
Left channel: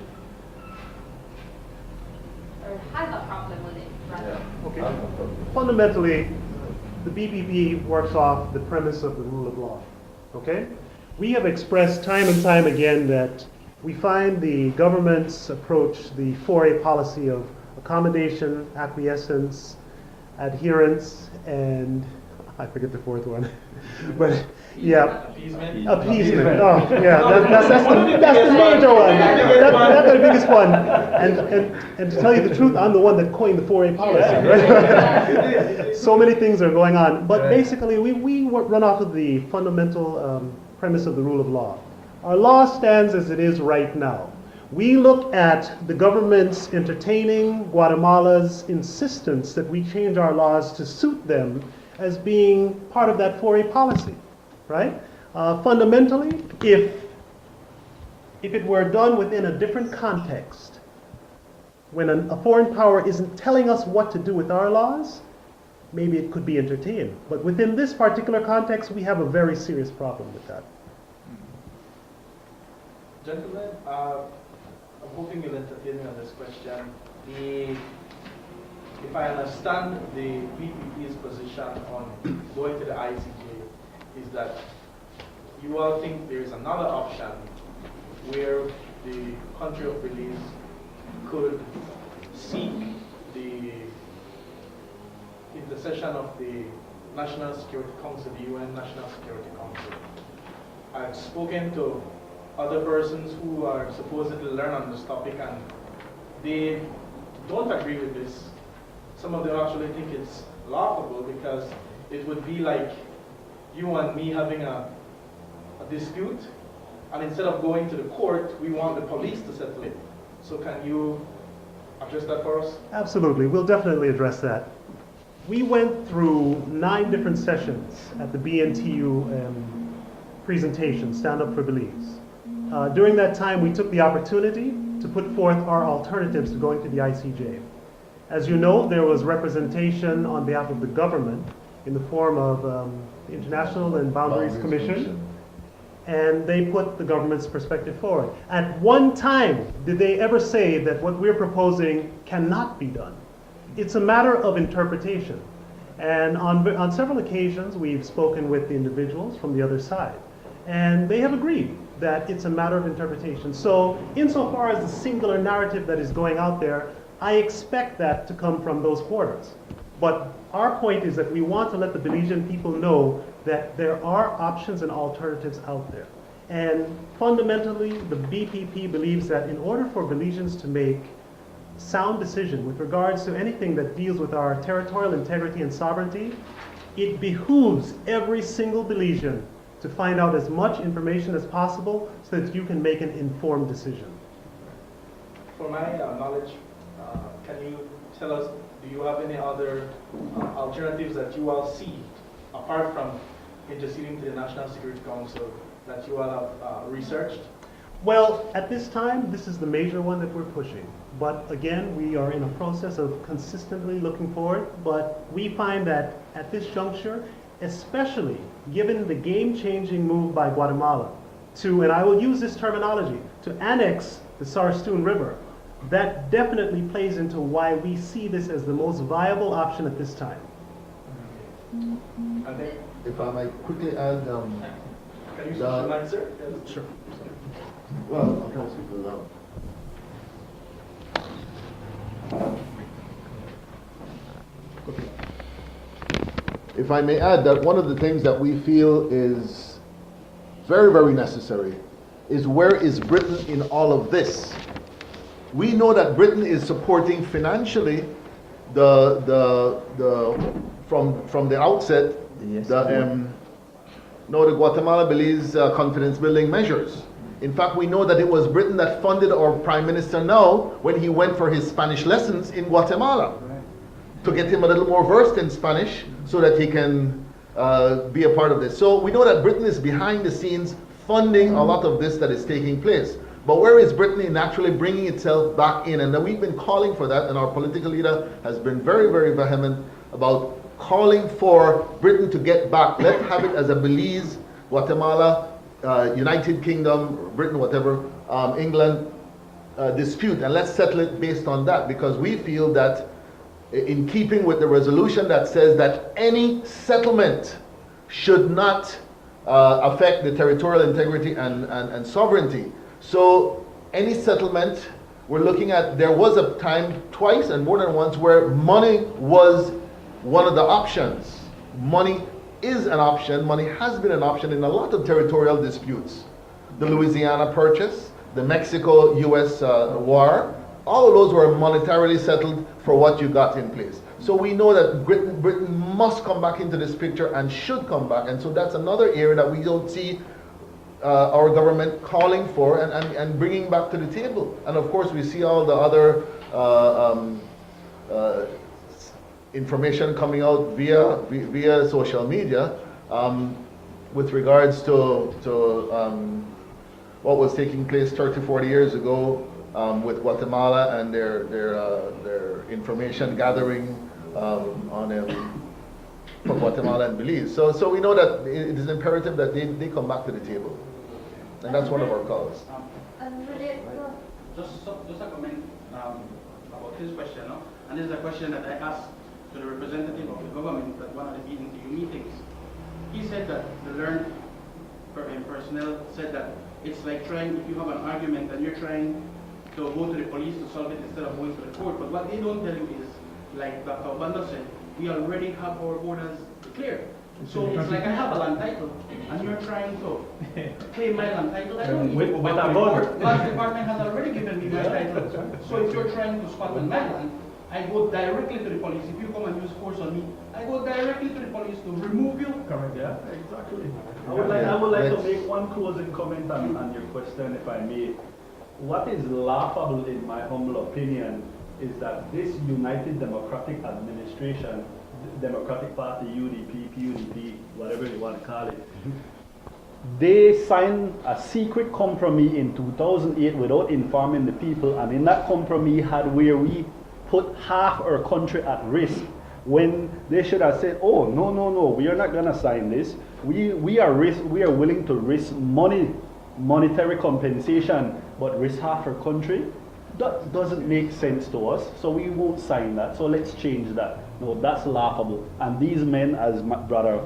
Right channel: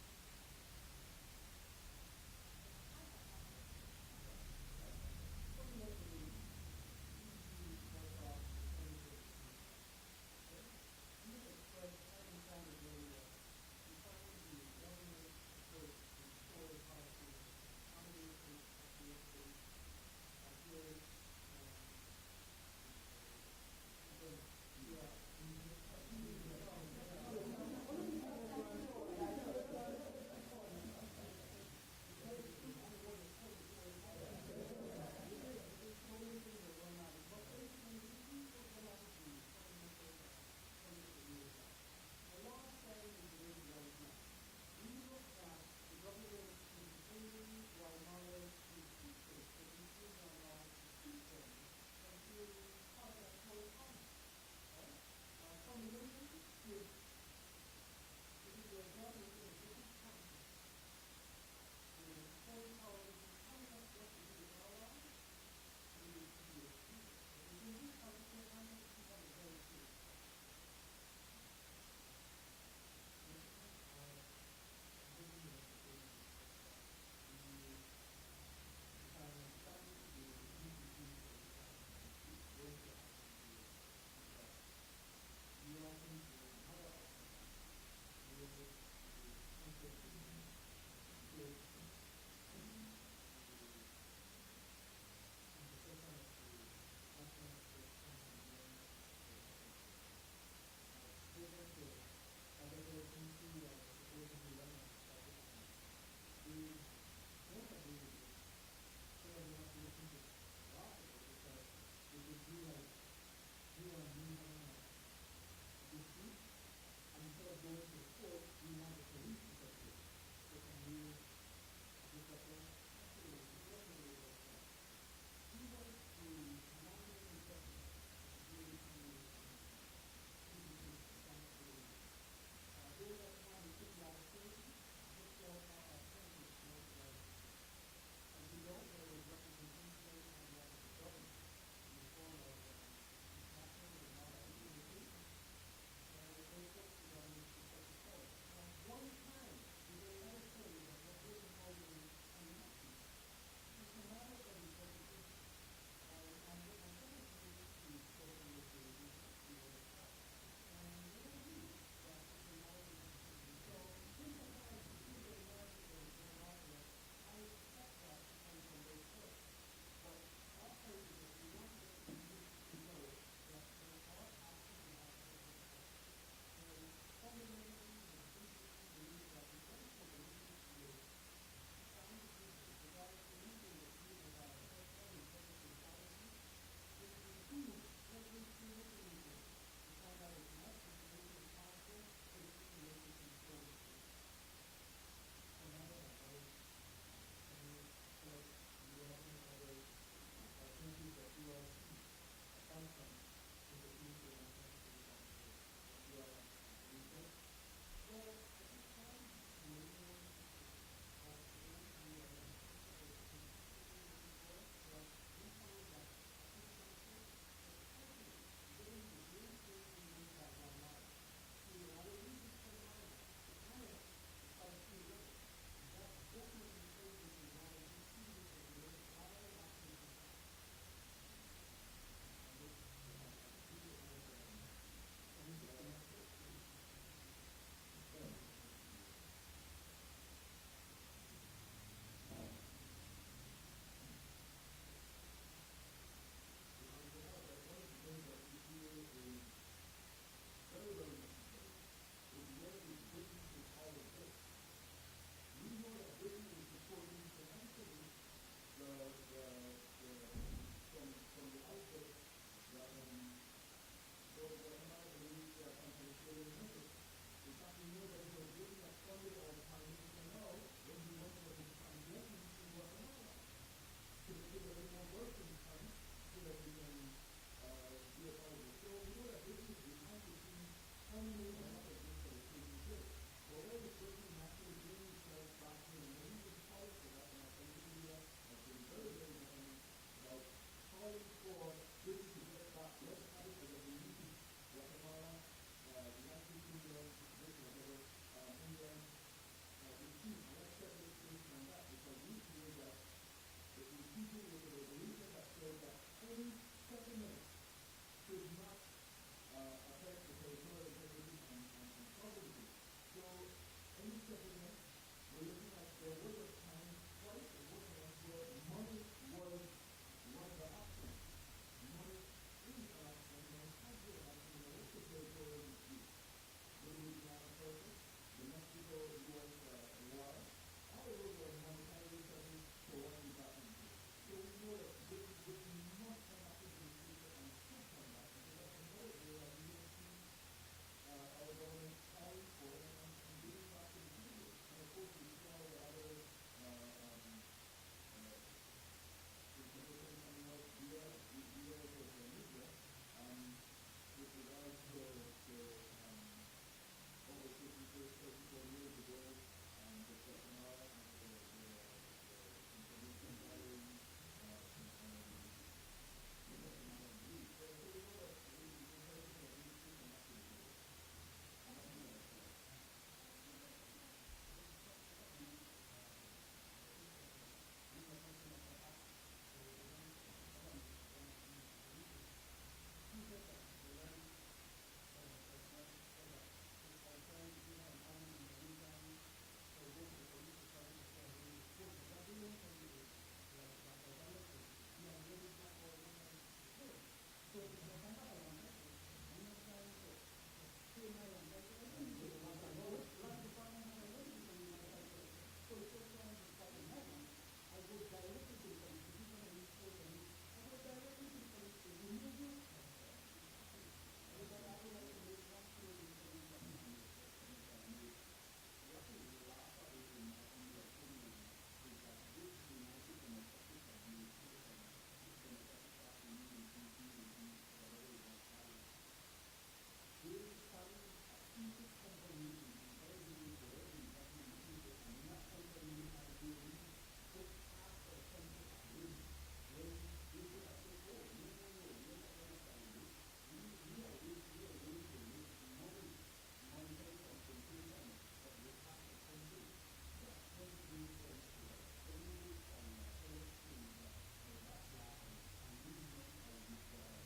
or has a problem with it, rather? Okay. Fundamentally, the BPP works off the premise of the rule of law. Okay? We have expressed time and time again that we find the government's approach, the 4A policy of accommodation, acquiescence, adherence, and I forget the fourth one. But yeah, appeasement. Oh, yeah, that's the major one. That's the biggest one. And to tell you the truth, I'm the one that coined the 4A policy. Right? So many things are going on, but basically we run off of the fundamental premise of the rule of law. Our law stands as it is right now. We look at the government's entertaining Guatemala's insistence that we change our laws to suit them as being part of that 4A policy, right? Fundamentally, if it were done within a different context, when a foreign power isn't telling us what to do with our laws, maybe it could be entertained. But within this particular context, we have a very serious problem with that. Gentlemen, I'm hoping you'll entertain me on this question. If I understand the BPP's position on going to the ICJ, is that you all think there is another option where the country of Belize could seek the intercession of the National Security Council, the UN National Security Council. I've spoken to other persons who are supposedly learn on this topic, and they don't agree with this. Some of them actually think it's laughable because it would be like you and me having a dispute, and instead of going to the court, we want the police to settle it. So can you address that for us? Absolutely, we'll definitely address that. We went through 9 different sessions at the BNTU presentation, Stand Up for Belize. During that time, we took the opportunity to put forth our alternatives to going to the ICJ. As you know, there was representation on behalf of the government in the form of the International and Boundaries Commission, and they put the government's perspective forward. At one time, did they ever say that what we're proposing cannot be done? It's a matter of interpretation. And on several occasions, we've spoken with the individuals from the other side, and they have agreed that it's a matter of interpretation. So insofar as the singular narrative that is going out there, I expect that to come from those quarters. But our point is that we want to let the Belizean people know that there are options and alternatives out there. And fundamentally, the BPP believes that in order for Belizeans to make sound decision with regards to anything that deals with our territorial integrity and sovereignty, it behooves every single Belizean to find out as much information as possible so that you can make an informed decision. For my knowledge, can you tell us, do you have any other alternatives that you all see, apart from interceding to the National Security Council, that you all have researched? Well, at this time, this is the major one that we're pushing. But again, we are in a process of consistently looking forward. But we find that at this juncture, especially given the game-changing move by Guatemala to, and I will use this terminology, to annex the Sarstoon River, that definitely plays into why we see this as the most viable option at this time. If I might quickly add, Can you switch the mic, sir? Sure. well, I'm trying to speak loud. If I may add that one of the things that we feel is very, very necessary is where is Britain in all of this? We know that Britain is supporting financially from the outset the Guatemala-Belize confidence building measures. In fact, we know that it was Britain that funded our Prime Minister now when he went for his Spanish lessons in Guatemala, to get him a little more versed in Spanish so that he can be a part of this. So we know that Britain is behind the scenes funding a lot of this that is taking place. But where is Britain in actually bringing itself back in? And we've been calling for that, and our political leader has been very, very vehement about calling for Britain to get back. Let's have it as a Belize, Guatemala, United Kingdom, Britain, whatever, England dispute, and let's settle it based on that, because we feel that in keeping with the resolution that says that any settlement should not affect the territorial integrity and sovereignty. So any settlement, we're looking at, there was a time twice and more than once where money was one of the options. Money is an option, money has been an option in a lot of territorial disputes. The Louisiana Purchase, the Mexico-US war, all of those were monetarily settled for what you got in place. So we know that Britain must come back into this picture and should come back. And so that's another area that we don't see our government calling for and bringing back to the table. And of course, we see all the other information coming out via social media with regards to what was taking place 30, 40 years ago with Guatemala and their information gathering for Guatemala and Belize. So we know that it is imperative that they come back to the table. And that's one of our calls. Just a comment about his question, no? And this is a question that I asked to the representative of the government at one of the BNTU meetings. He said that the learned personnel said that it's like trying, if you have an argument and you're trying to go to the police to solve it instead of going to the court. But what they don't tell you is, like Dr. Obando said, we already have our borders clear. So it's like I have a land title, and you're trying to claim my land title. I don't need to go to the court. But the department has already given me my title. So if you're trying to squat on my land, I go directly to the police. If you come and use force on me, I go directly to the police to remove you. Correct. Yeah, exactly. I would like to make one closing comment on your question, if I may. What is laughable, in my humble opinion, is that this United Democratic Administration, Democratic Party, UDP, PUDP, whatever you want to call it, they signed a secret compromise in 2008 without informing the people, and in that compromise had where we put half our country at risk, when they should have said, oh, no, we are not going to sign this. We are willing to risk monetary compensation, but risk half our country. That doesn't make sense to us, so we won't sign that. So let's change that. No, that's laughable. And these men, as my brother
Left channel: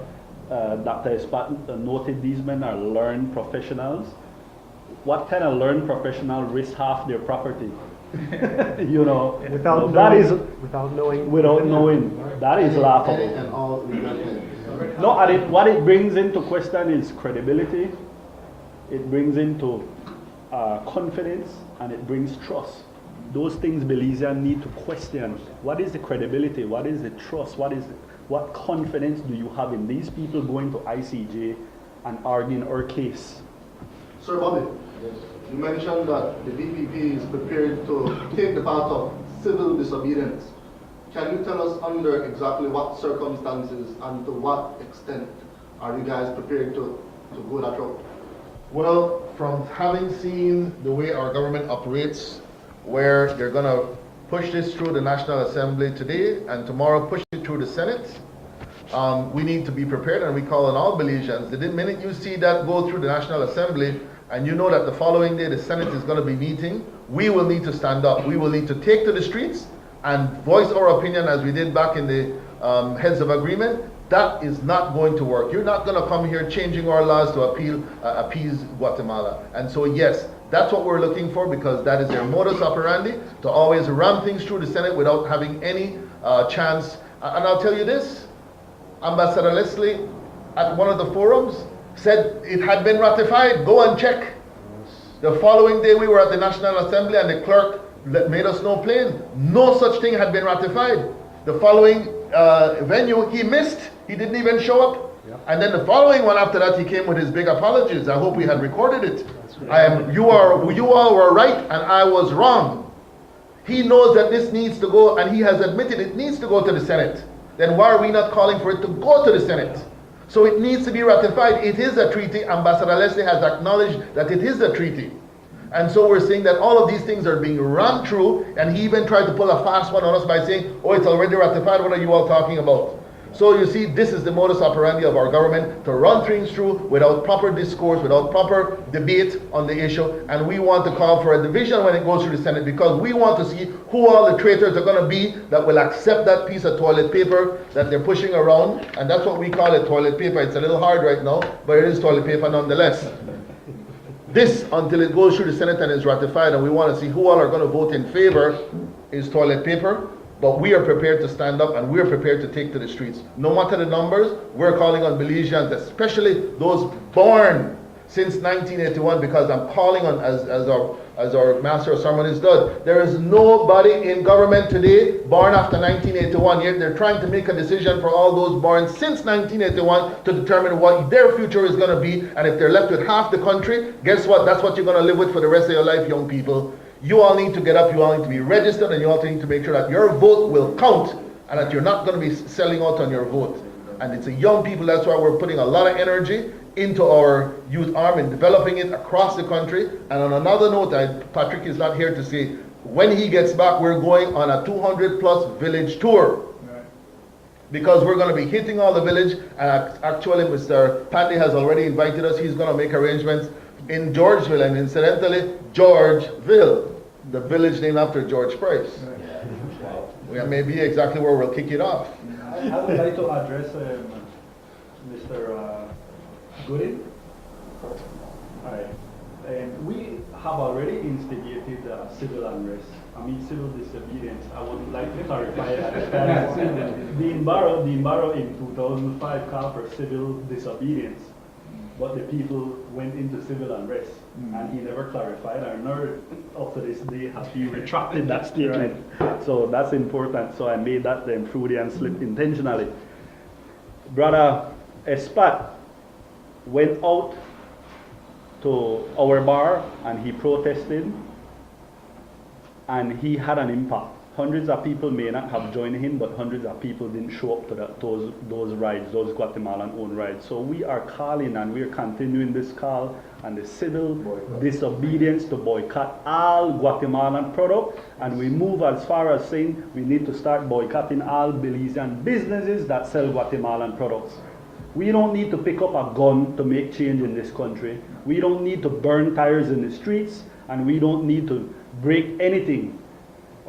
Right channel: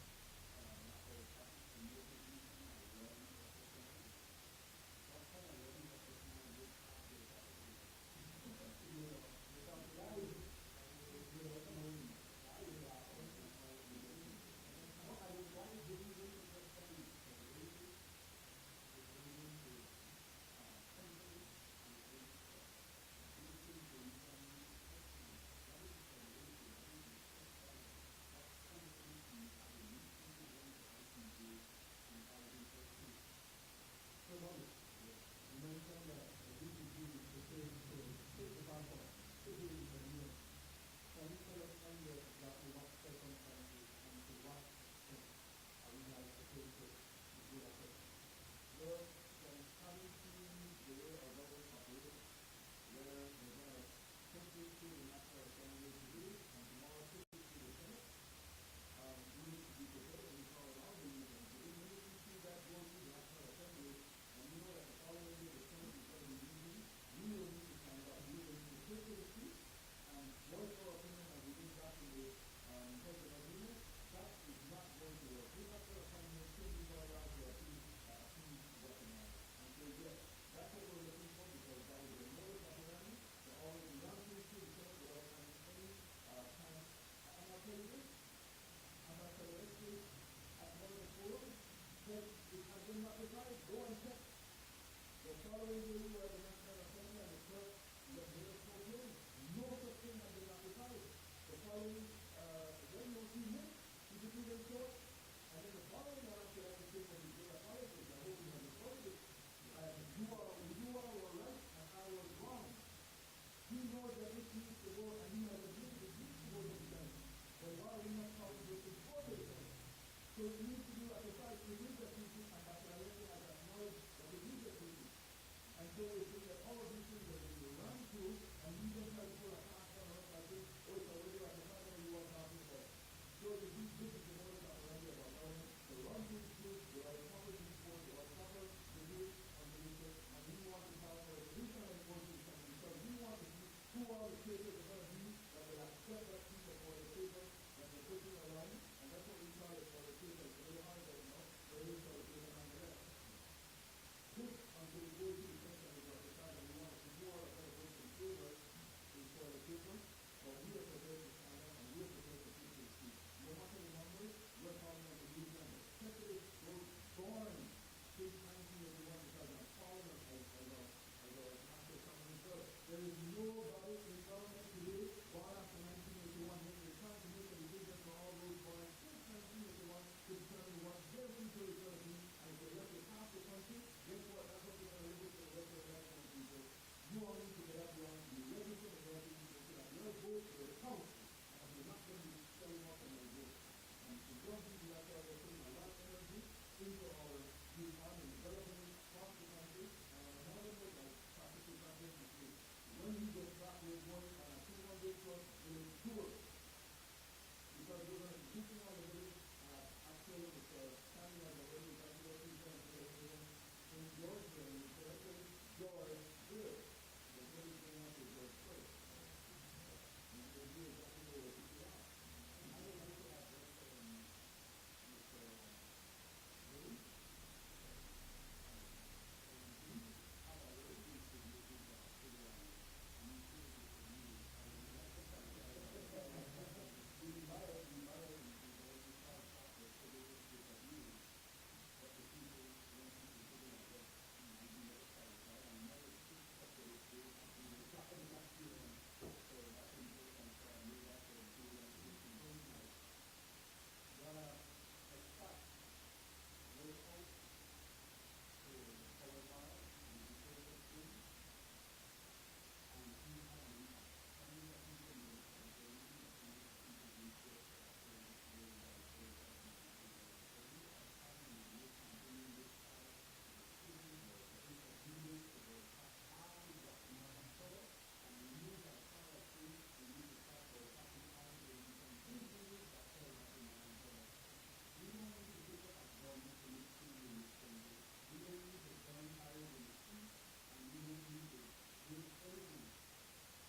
Dr. Espat noted, these men are learned professionals. What kind of learned professional risk half their property? You know, without knowing, that is laughable. And all No, and what it brings into question is credibility. It brings into confidence, and it brings trust. those things Belizeans need to question. What is the credibility? What is the trust? What confidence do you have in these people going to ICJ and arguing our case? Sir Bobby, Yes. you mentioned that the BPP is prepared to take the path of civil disobedience. Can you tell us under exactly what circumstances and to what extent are you guys prepared to go that route? Well, from having seen the way our government operates, where they're going to push this through the National Assembly today and tomorrow push it through the Senate, we need to be prepared, and we call on all Belizeans. The minute you see that go through the National Assembly and you know that the following day the Senate is going to be meeting, we will need to stand up. We will need to take to the streets and voice our opinion as we did back in the Heads of Agreement. That is not going to work. You're not going to come here changing our laws to appease Guatemala. And so yes, that's what we're looking for, because that is their modus operandi, to always ram things through the Senate without having any chance. And I'll tell you this, Ambassador Leslie at one of the forums said it had been ratified. Go and check. The following day we were at the National Assembly and the clerk made us know plain, no such thing had been ratified. The following venue he missed. He didn't even show up. Yeah. And then the following one after that, he came with his big apologies. I hope we had recorded it. You all were right and I was wrong. He knows that this needs to go, and he has admitted it needs to go to the Senate. Then why are we not calling for it to go to the Senate? So it needs to be ratified. It is a treaty. Ambassador Leslie has acknowledged that it is a treaty. And so we're saying that all of these things are being run through, and he even tried to pull a fast one on us by saying, oh, it's already ratified, what are you all talking about? So you see, this is the modus operandi of our government, to run things through without proper discourse, without proper debate on the issue, and we want to call for a division when it goes through the Senate, because we want to see who all the traitors are going to be that will accept that piece of toilet paper that they're pushing around, and that's what we call it, toilet paper. It's a little hard right now, but it is toilet paper nonetheless. This, until it goes through the Senate and is ratified, and we want to see who all are going to vote in favor, is toilet paper. But we are prepared to stand up, and we're prepared to take to the streets. No matter the numbers, we're calling on Belizeans, especially those born since 1981, because I'm calling on, as our Master of Ceremonies does, there is nobody in government today born after 1981, yet they're trying to make a decision for all those born since 1981 to determine what their future is going to be. And if they're left with half the country, guess what? That's what you're going to live with for the rest of your life, young people. You all need to get up, you all need to be registered, and you all need to make sure that your vote will count and that you're not going to be selling out on your vote. And it's a young people, that's why we're putting a lot of energy into our youth arm and developing it across the country. And on another note, Patrick is not here to say, when he gets back, we're going on a 200+ village tour. Because we're going to be hitting all the village, and actually Mr. Pandy has already invited us. He's going to make arrangements in Georgeville, and incidentally, Georgeville, the village named after George Price. We may be exactly where we'll kick it off. I would like to address Mr. Gooding. We have already instigated civil unrest. I mean civil disobedience. I would like to clarify that. The Imbaro in 2005 called for civil disobedience, but the people went into civil unrest, and he never clarified, or nor up to this day has he retracted that statement. So that's important. So I made that then Freudian slip intentionally. Brother Espat went out to our bar and he protested, and he had an impact. Hundreds of people may not have joined him, but hundreds of people didn't show up to those rides, those Guatemalan-owned rides. So we are calling, and we are continuing this call and the civil disobedience to boycott all Guatemalan product, and we move as far as saying we need to start boycotting all Belizean businesses that sell Guatemalan products. We don't need to pick up a gun to make change in this country. We don't need to burn tires in the streets, and we don't need to break anything.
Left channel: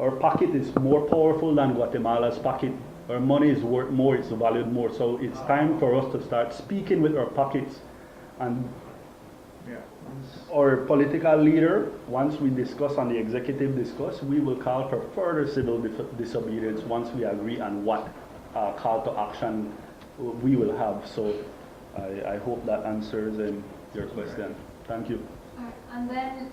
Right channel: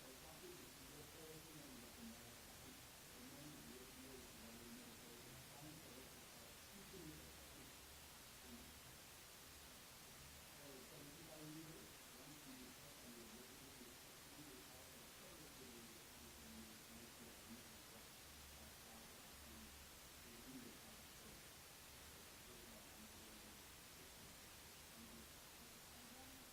Our pocket is more powerful than Guatemala's pocket. Our money is worth more, it's valued more. So it's time for us to start speaking with our pockets. And our political leader, once we discuss on the executive discuss, we will call for further civil disobedience once we agree on what call to action we will have. So I hope that answers your question. Thank you. And then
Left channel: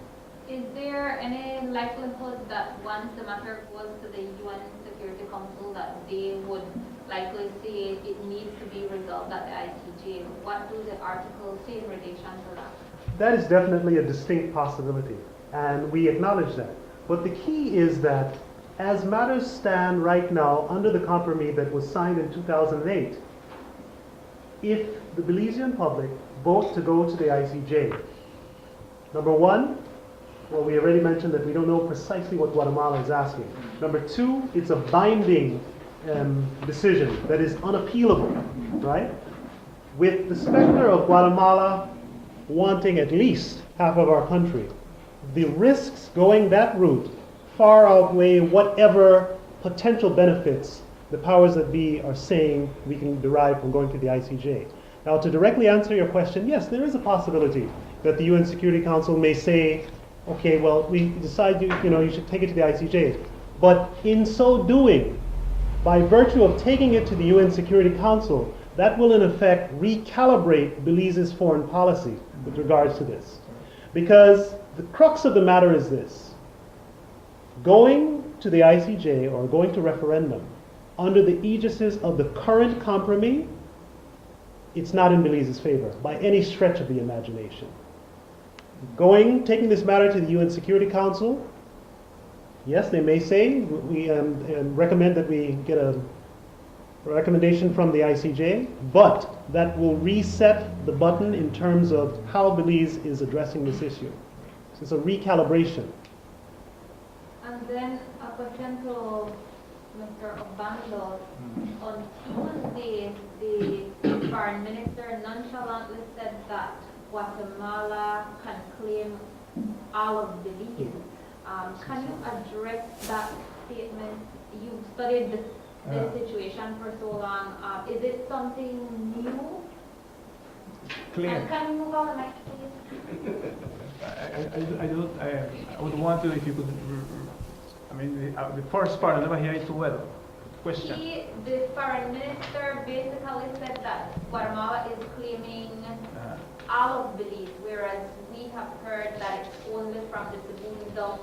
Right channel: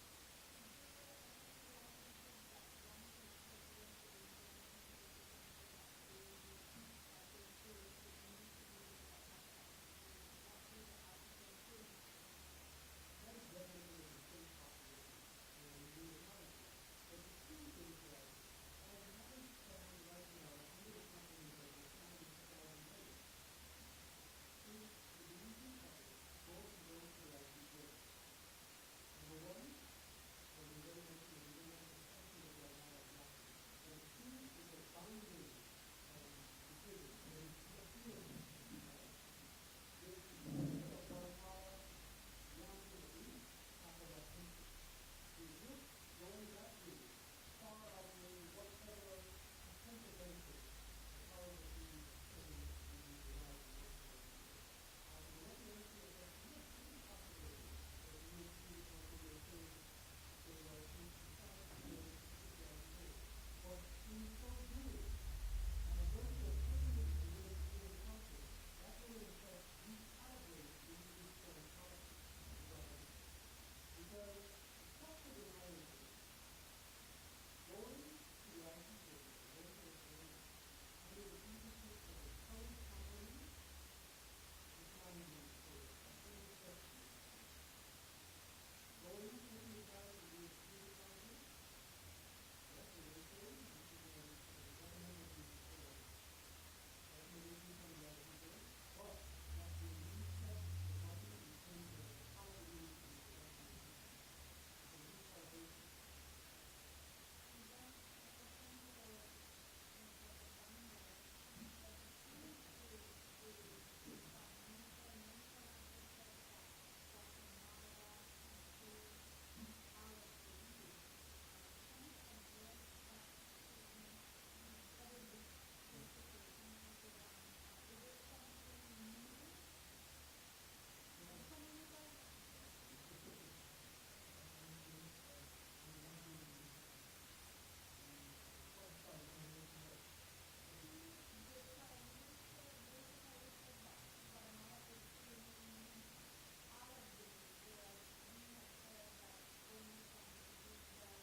Is there any likelihood that once the matter goes to the UN Security Council that they would likely say it needs to be resolved at the ICJ? What do the articles say in relation to that? That is definitely a distinct possibility, and we acknowledge that. But the key is that as matters stand right now under the compromise that was signed in 2008, if the Belizean public vote to go to the ICJ, number one, well, we already mentioned that we don't know precisely what Guatemala is asking. Number two, it's a binding decision that is unappealable, right? With the specter of Guatemala wanting at least half of our country, the risks going that route far outweigh whatever potential benefits the powers that be are saying we can derive from going to the ICJ. Now, to directly answer your question, yes, there is a possibility that the UN Security Council may say, okay, well, we decide you should take it to the ICJ. But in so doing, by virtue of taking it to the UN Security Council, that will in effect recalibrate Belize's foreign policy with regards to this. Because the crux of the matter is this: going to the ICJ or going to referendum under the aegis of the current compromise, it's not in Belize's favor by any stretch of the imagination. Taking this matter to the UN Security Council, yes, they may say, we recommend that we get a recommendation from the ICJ, but that will reset the button in terms of how Belize is addressing this issue. So it's a recalibration. And then a question to Mr. Obando. On Tuesday, the foreign minister nonchalantly said that Guatemala can claim all of Belize. Can you address that statement? You've studied this situation for so long. Is it something new? Clear. And can you move on the mic, please? I would want to, if you could, the first part, I never hear it too well. Question. The foreign minister basically said that Guatemala is claiming all of Belize, whereas we have heard that it's only from the Cebu down.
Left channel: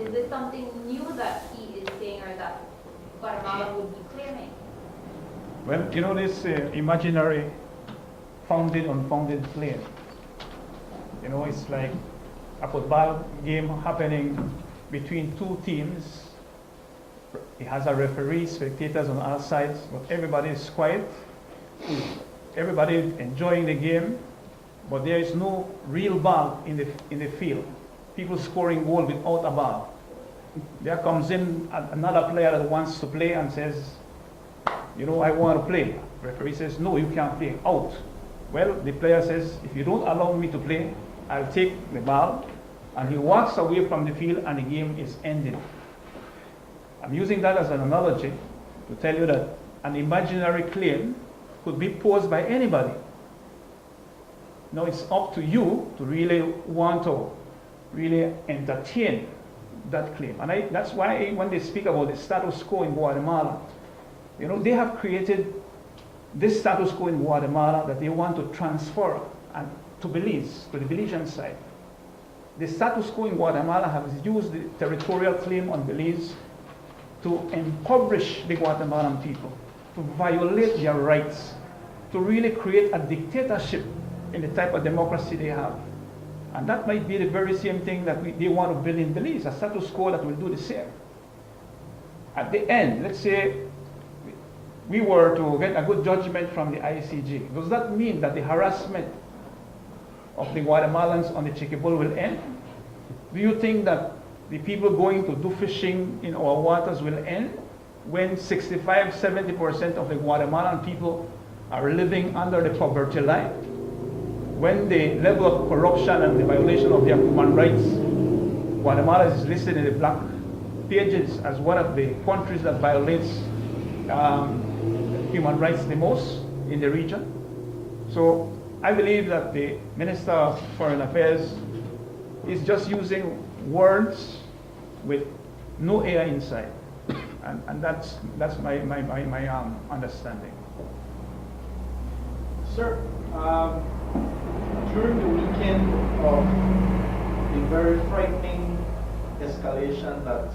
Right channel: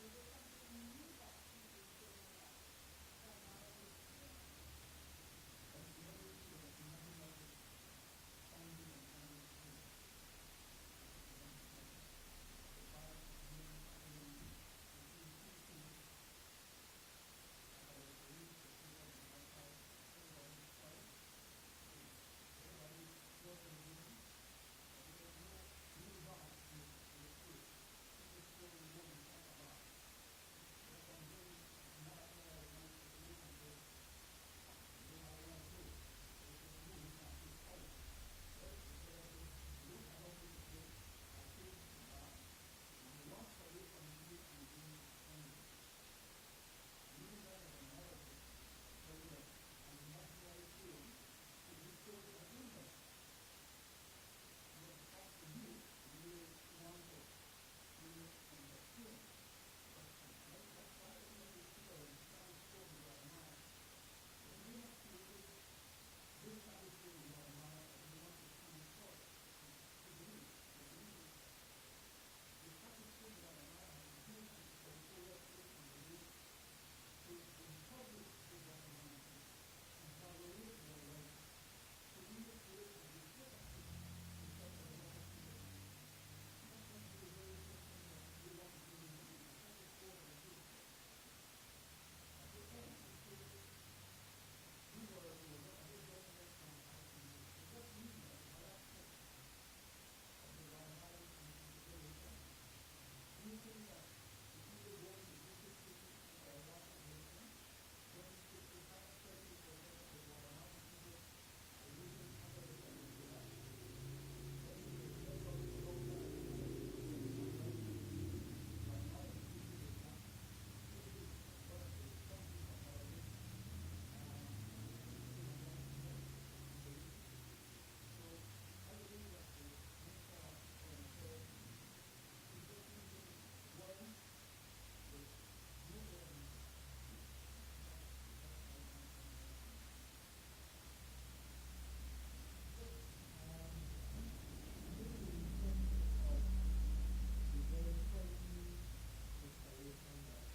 Is this something new that he is saying, or that Guatemala would be claiming? Well, this imaginary founded, unfounded claim. It's like a football game happening between two teams. It has a referee, spectators on all sides, but everybody is quiet. Everybody is enjoying the game, but there is no real ball in the field. People scoring goal without a ball. There comes in another player that wants to play and says, I want to play. Referee says, no, you can't play. Out. Well, the player says, if you don't allow me to play, I'll take the ball. And he walks away from the field and the game is ended. I'm using that as an analogy to tell you that an imaginary claim could be posed by anybody. Now it's up to you to really want to really entertain that claim. And that's why when they speak about the status quo in Guatemala, they have created this status quo in Guatemala that they want to transfer to Belize, to the Belizean side. The status quo in Guatemala has used the territorial claim on Belize to impoverish the Guatemalan people, to violate their rights, to really create a dictatorship in the type of democracy they have. And that might be the very same thing that they want to build in Belize, a status quo that will do the same. At the end, let's say we were to get a good judgment from the ICJ. Does that mean that the harassment of the Guatemalans on the Chiquibul will end? Do you think that the people going to do fishing in our waters will end when 65–70% of the Guatemalan people are living under the poverty line? When the level of corruption and the violation of their human rights, Guatemala is listed in the black pages as one of the countries that violates human rights the most in the region. So I believe that the Minister of Foreign Affairs is just using words with no air inside, and that's my understanding. Sir, during the weekend of a very frightening escalation that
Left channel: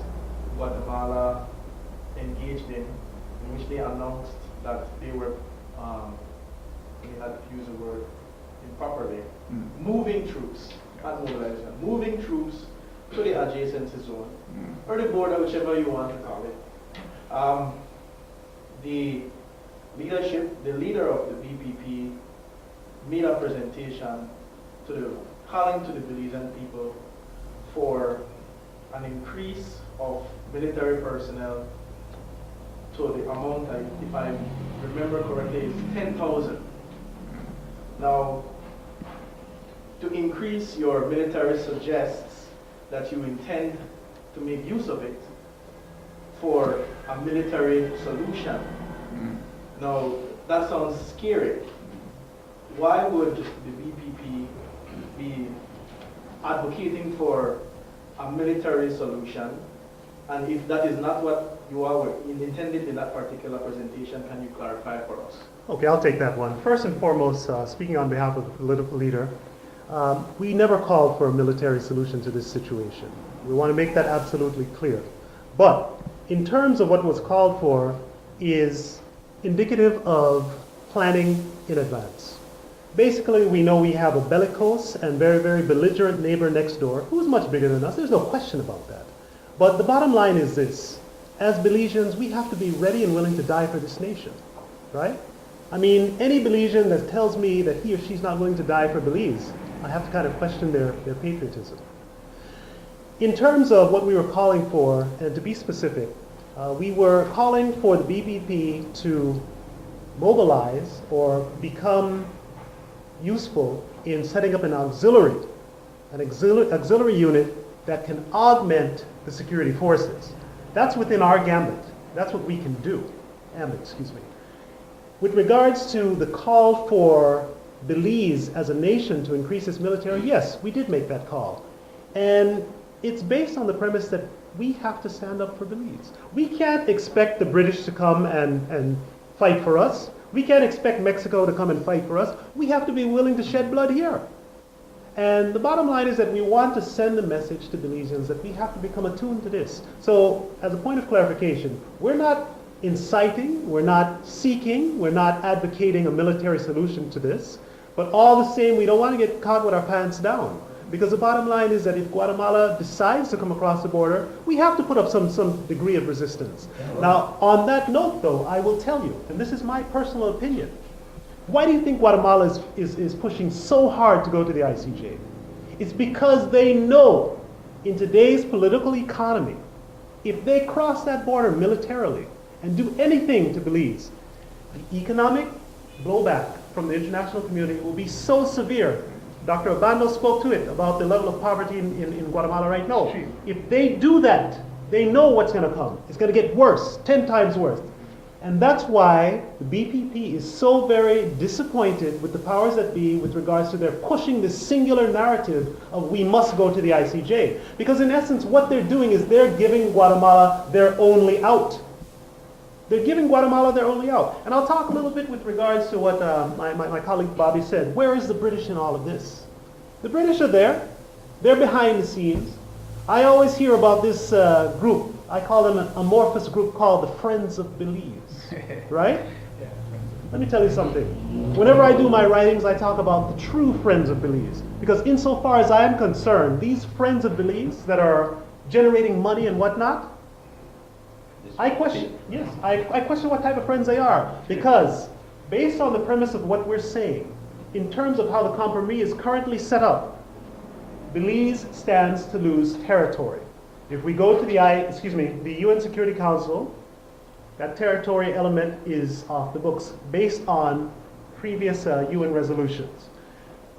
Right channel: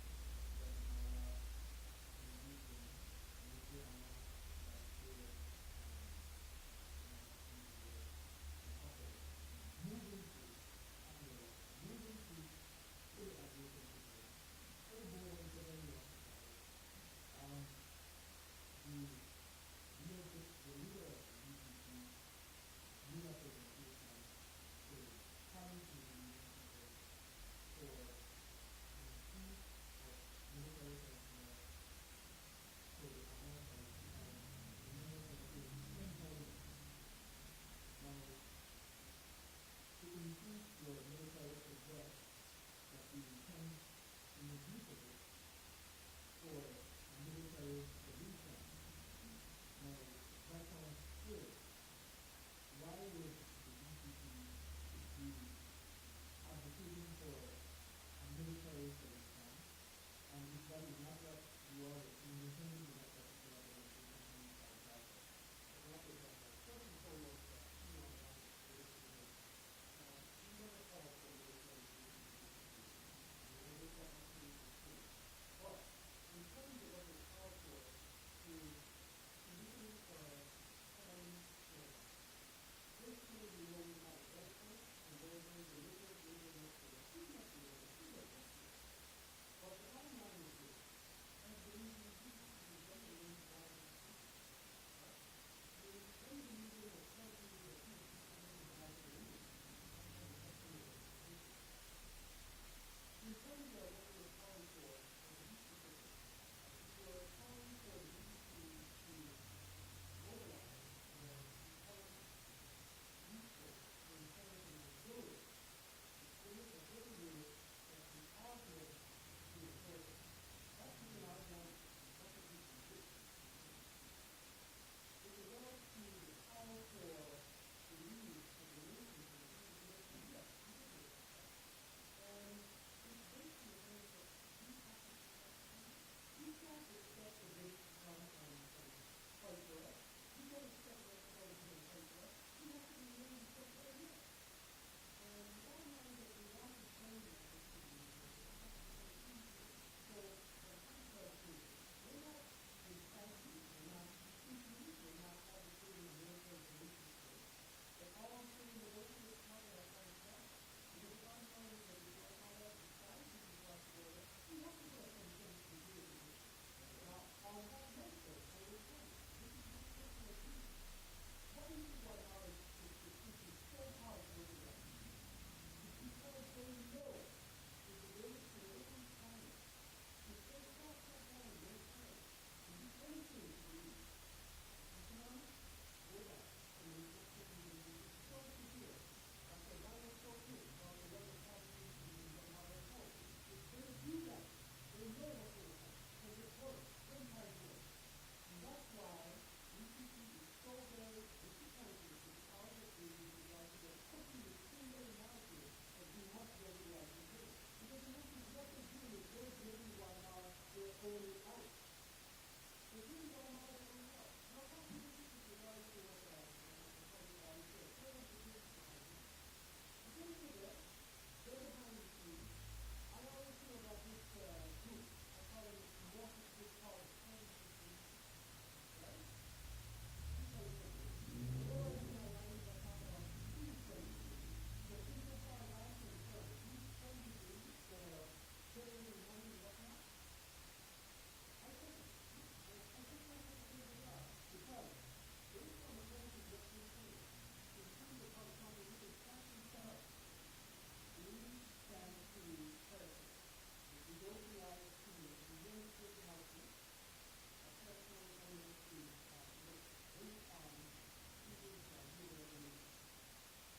Guatemala engaged in which they announced that they were, let me not use the word improperly, moving troops, not mobilization, moving troops to the adjacency zone, or the border, whichever you want to call it. The leadership, the leader of the BPP made a presentation calling to the Belizean people for an increase of military personnel to the amount, if I remember correctly, is 10,000. Now, to increase your military suggests that you intend to make use of it for a military solution. Now, that sounds scary. Why would the BPP be advocating for a military solution? And if that is not what you are intended in that particular presentation, can you clarify for us? Okay, I'll take that one. First and foremost, speaking on behalf of the political leader, we never called for a military solution to this situation. We want to make that absolutely clear. But in terms of what was called for is indicative of planning in advance. Basically, we know we have a bellicose and very, very belligerent neighbor next door who's much bigger than us. There's no question about that. But the bottom line is this. As Belizeans, we have to be ready and willing to die for this nation, right? I mean, any Belizean that tells me that he or she's not willing to die for Belize, I have to kind of question their patriotism. In terms of what we were calling for, and to be specific, we were calling for the BPP to mobilize or become useful in setting up an auxiliary unit that can augment the security forces. That's within our gambit. That's what we can do. With regards to the call for Belize as a nation to increase its military, yes, we did make that call. And it's based on the premise that we have to stand up for Belize. We can't expect the British to come and fight for us. We can't expect Mexico to come and fight for us. We have to be willing to shed blood here. And the bottom line is that we want to send a message to Belizeans that we have to become attuned to this. So, as a point of clarification, we're not inciting, we're not seeking, we're not advocating a military solution to this, but all the same, we don't want to get caught with our pants down. Because the bottom line is that if Guatemala decides to come across the border, we have to put up some degree of resistance. Now, on that note, though, I will tell you, and this is my personal opinion, why do you think Guatemala is pushing so hard to go to the ICJ? It's because they know in today's political economy, if they cross that border militarily and do anything to Belize, the economic blowback from the international community will be so severe. Dr. Obando spoke to it about the level of poverty in Guatemala right now. If they do that, they know what's going to come. It's going to get worse, 10 times worse. And that's why the BPP is so very disappointed with the powers that be with regards to their pushing this singular narrative of we must go to the ICJ. Because in essence, what they're doing is they're giving Guatemala their only out. They're giving Guatemala their only out. And I'll talk a little bit with regards to what my colleague Bobby said. Where is the British in all of this? The British are there. They're behind the scenes. I always hear about this group. I call them an amorphous group called the Friends of Belize. Right? Let me tell you something. Whenever I do my writings, I talk about the true Friends of Belize. Because insofar as I am concerned, these Friends of Belize that are generating money and whatnot, I question what type of friends they are. Because based on the premise of what we're saying, in terms of how the Compromis is currently set up, Belize stands to lose territory. If we go to the UN Security Council, that territory element is off the books based on previous UN resolutions.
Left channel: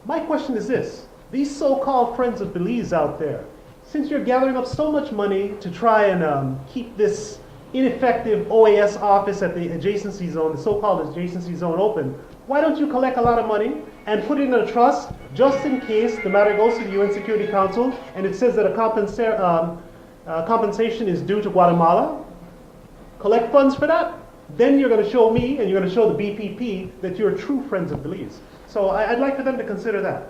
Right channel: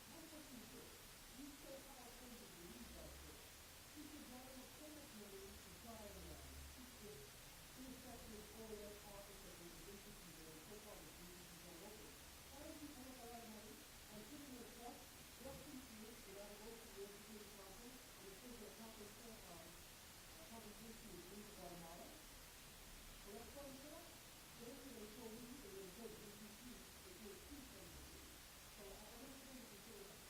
My question is this. These so-called Friends of Belize out there, since you're gathering up so much money to try and keep this ineffective OAS office at the adjacency zone, the so-called adjacency zone open, why don't you collect a lot of money and put it in a trust just in case the matter goes to the UN Security Council and it says that a compensation is due to Guatemala? Collect funds for that. Then you're going to show me and you're going to show the BPP that you're true Friends of Belize. So I'd like for them to consider that.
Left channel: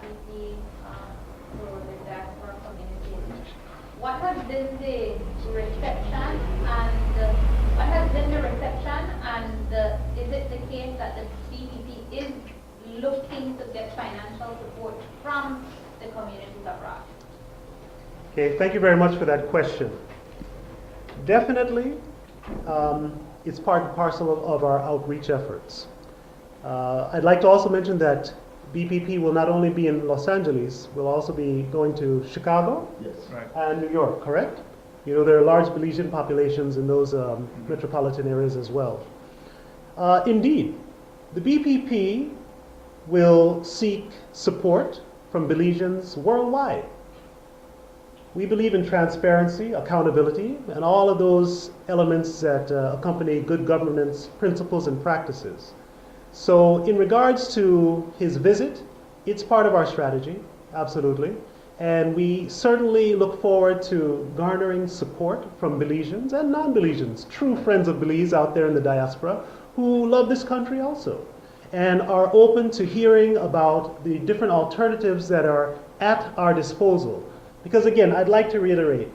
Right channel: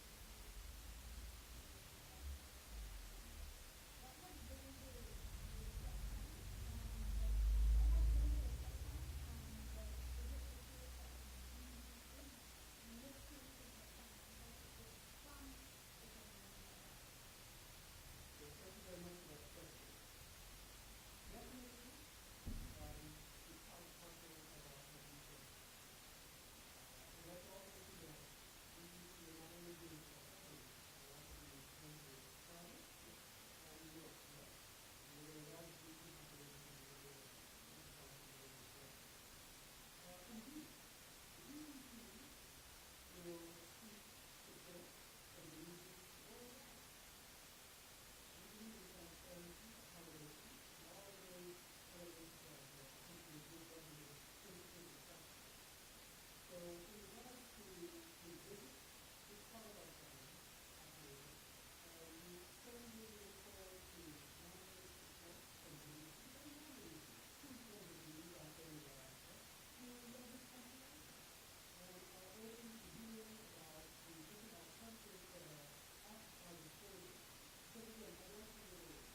BPP to the diaspora community. What has been the reception and is it the case that the BPP is looking to get financial support from the communities abroad? Okay, thank you very much for that question. Definitely, it's part and parcel of our outreach efforts. I'd like to also mention that BPP will not only be in Los Angeles, we'll also be going to Chicago Yes. and New York, correct? You know, there are large Belizean populations in those metropolitan areas as well. Indeed, the BPP will seek support from Belizeans worldwide. We believe in transparency, accountability, and all of those elements that accompany good governance principles and practices. So in regards to his visit, it's part of our strategy, absolutely. And we certainly look forward to garnering support from Belizeans and non-Belizeans, true friends of Belize out there in the diaspora, who love this country also, and are open to hearing about the different alternatives that are at our disposal. Because again, I'd like to reiterate,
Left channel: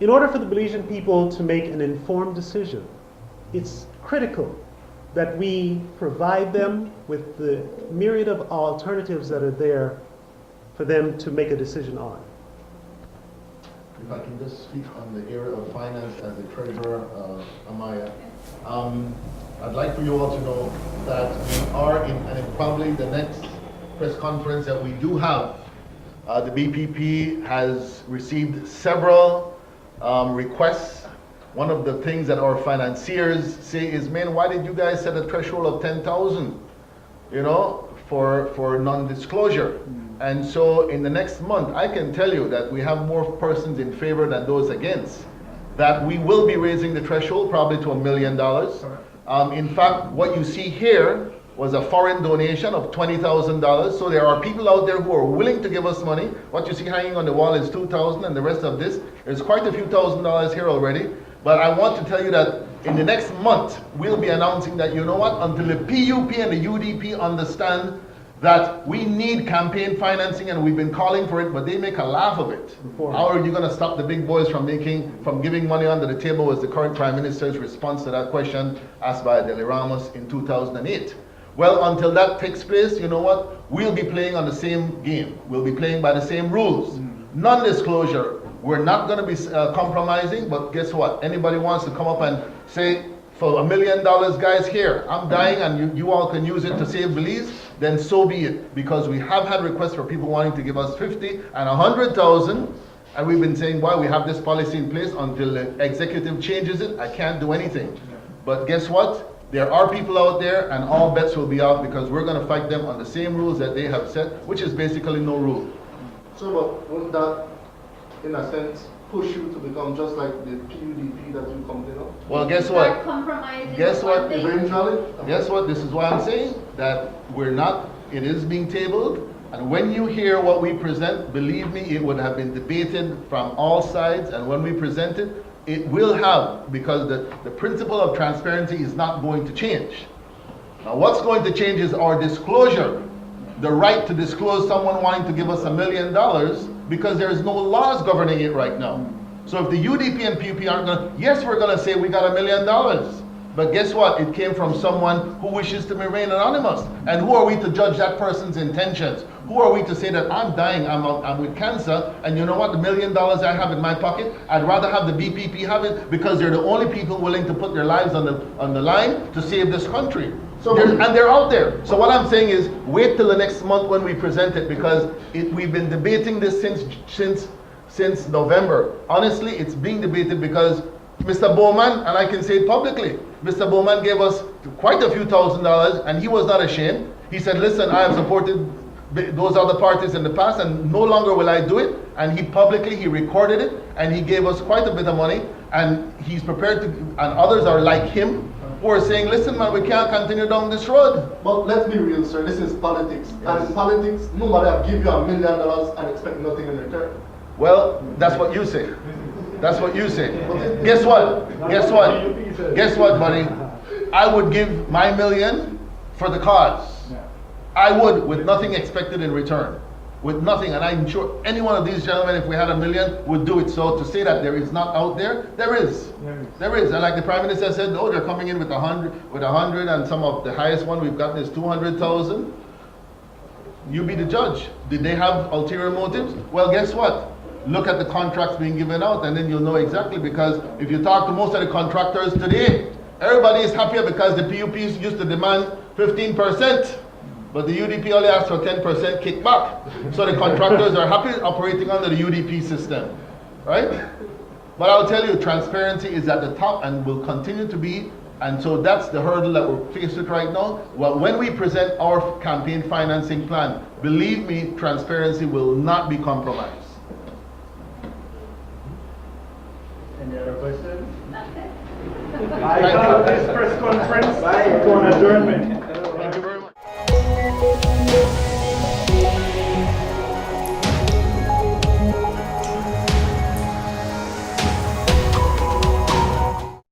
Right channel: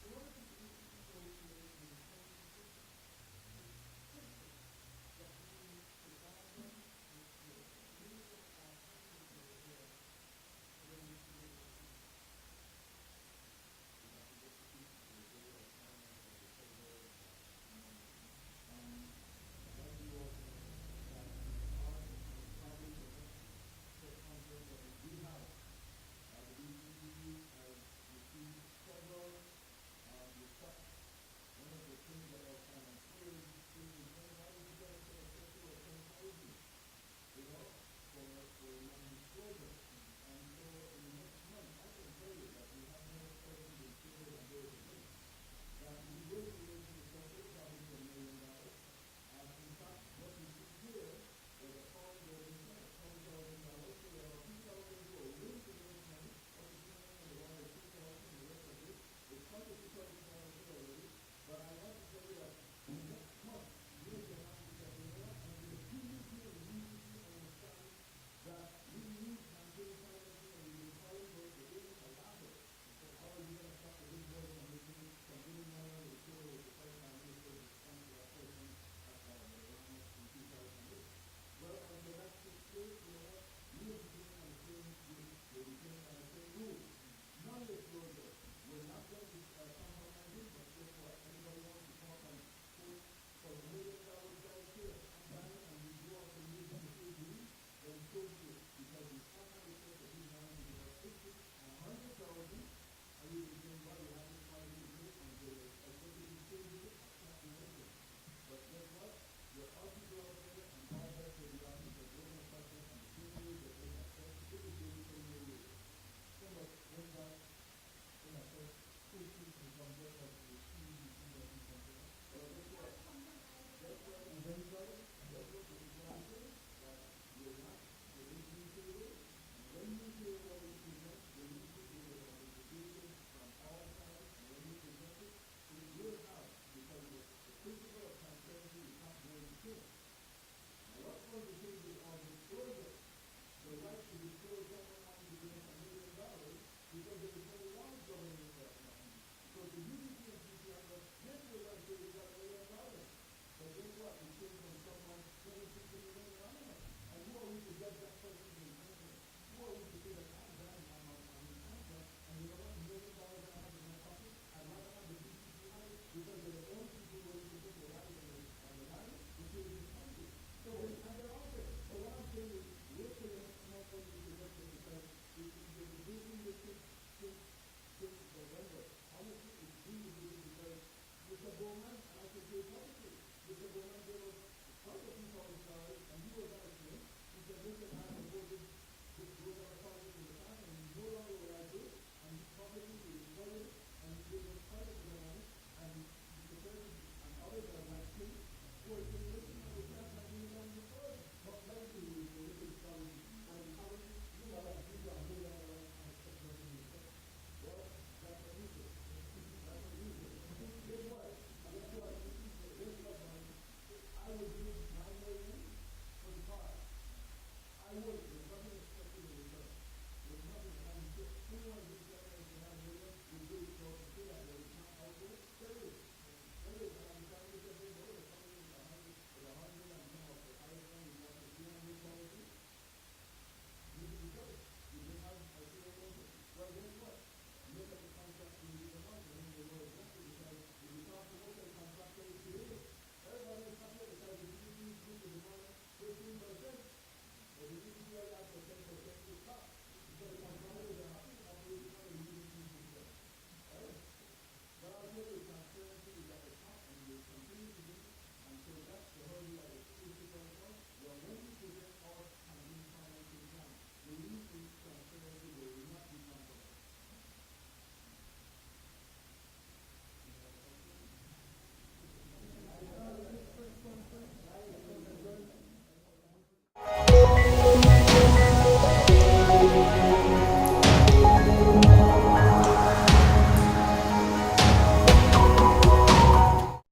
in order for the Belizean people to make an informed decision, it's critical that we provide them with the myriad of alternatives that are there for them to make a decision on. If I can just speak on the area of finance as the treasurer, Amaya. I'd like for you all to know that we are in, and probably the next press conference that we do have, the BPP has received several requests. One of the things that our financiers say is, man, why did you guys set a threshold of 10,000, you know, for non-disclosure? And so in the next month, I can tell you that we have more persons in favor than those against, that we will be raising the threshold probably to $1 million. In fact, what you see here was a foreign donation of $20,000. So there are people out there who are willing to give us money. What you see hanging on the wall is $2,000, and the rest of this, there's quite a few $1,000s here already. But I want to tell you that in the next month, we'll be announcing that, you know what, until the PUP and the UDP understand that we need campaign financing, and we've been calling for it, but they make a laugh of it. How are you going to stop the big boys from giving money under the table? Was the current Prime Minister's response to that question asked by Dele Ramos in 2008. Well, until that takes place, you know what? We'll be playing on the same game. We'll be playing by the same rules. Non-disclosure. We're not going to be compromising, but guess what? Anybody wants to come up and say, for $1 million, guys, here, I'm dying and you all can use it to save Belize, then so be it. Because we have had requests for people wanting to give us 50 and 100,000, and we've been saying, well, we have this policy in place until the executive changes it. I can't do anything. But guess what? There are people out there, and all bets will be off because we're going to fight them on the same rules that they have set, which is basically no rule. So, but won't that, in a sense, push you to become just like the PUDP that you complain of? Well, guess what? Guess what? Eventually? Guess what? This is why I'm saying that we're not, it is being tabled. And when you hear what we present, believe me, it would have been debated from all sides. And when we present it, it will have, because the principle of transparency is not going to change. Now, what's going to change is our disclosure. The right to disclose someone wanting to give us $1 million, because there is no laws governing it right now. So if the UDP and PUP aren't going to, yes, we're going to say we got $1 million. But guess what? It came from someone who wishes to remain anonymous. And who are we to judge that person's intentions? Who are we to say that I'm dying, I'm with cancer, and you know what, the $1 million I have in my pocket, I'd rather have the BPP have it because they're the only people willing to put their lives on the line to save this country. So and they're out there. So what I'm saying is, wait till the next month when we present it, because we've been debating this since November. Honestly, it's being debated because Mr. Bowman, and I can say it publicly, Mr. Bowman gave us quite a few $1,000s, and he was not ashamed. He said, listen, I have supported those other parties in the past, and no longer will I do it. And he publicly, he recorded it, and he gave us quite a bit of money, and he's prepared to, and others are like him, who are saying, listen man, we can't continue down this road. But let's be real, sir, this is politics. Yes. And in politics, nobody will give you $1 million and expect nothing in return. Well, that's what you say. That's what you say. Guess what? Guess what? Guess what, buddy? I would give my $1 million for the cause. I would, with nothing expected in return. With nothing, and I'm sure any one of these gentlemen, if we had $1 million, would do it. So to say that there is not out there, there is. There is. And like the Prime Minister said, oh, they're coming in with 100, and some of the highest one we've gotten is 200,000. You be the judge. Did they have ulterior motives? Well, guess what? Look at the contracts being given out, and then you'll know exactly, because if you talk to most of the contractors today, everybody is happier because the PUPs used to demand 15%. But the UDP only asks for 10% kickback. So the contractors are happy operating under the UDP system, right? But I'll tell you, transparency is at the top and will continue to be, and so that's the hurdle that we're faced with right now. Well, when we present our campaign financing plan, believe me, transparency will not be compromised. Any other questions? That's it. I have this press conference to an adjournment.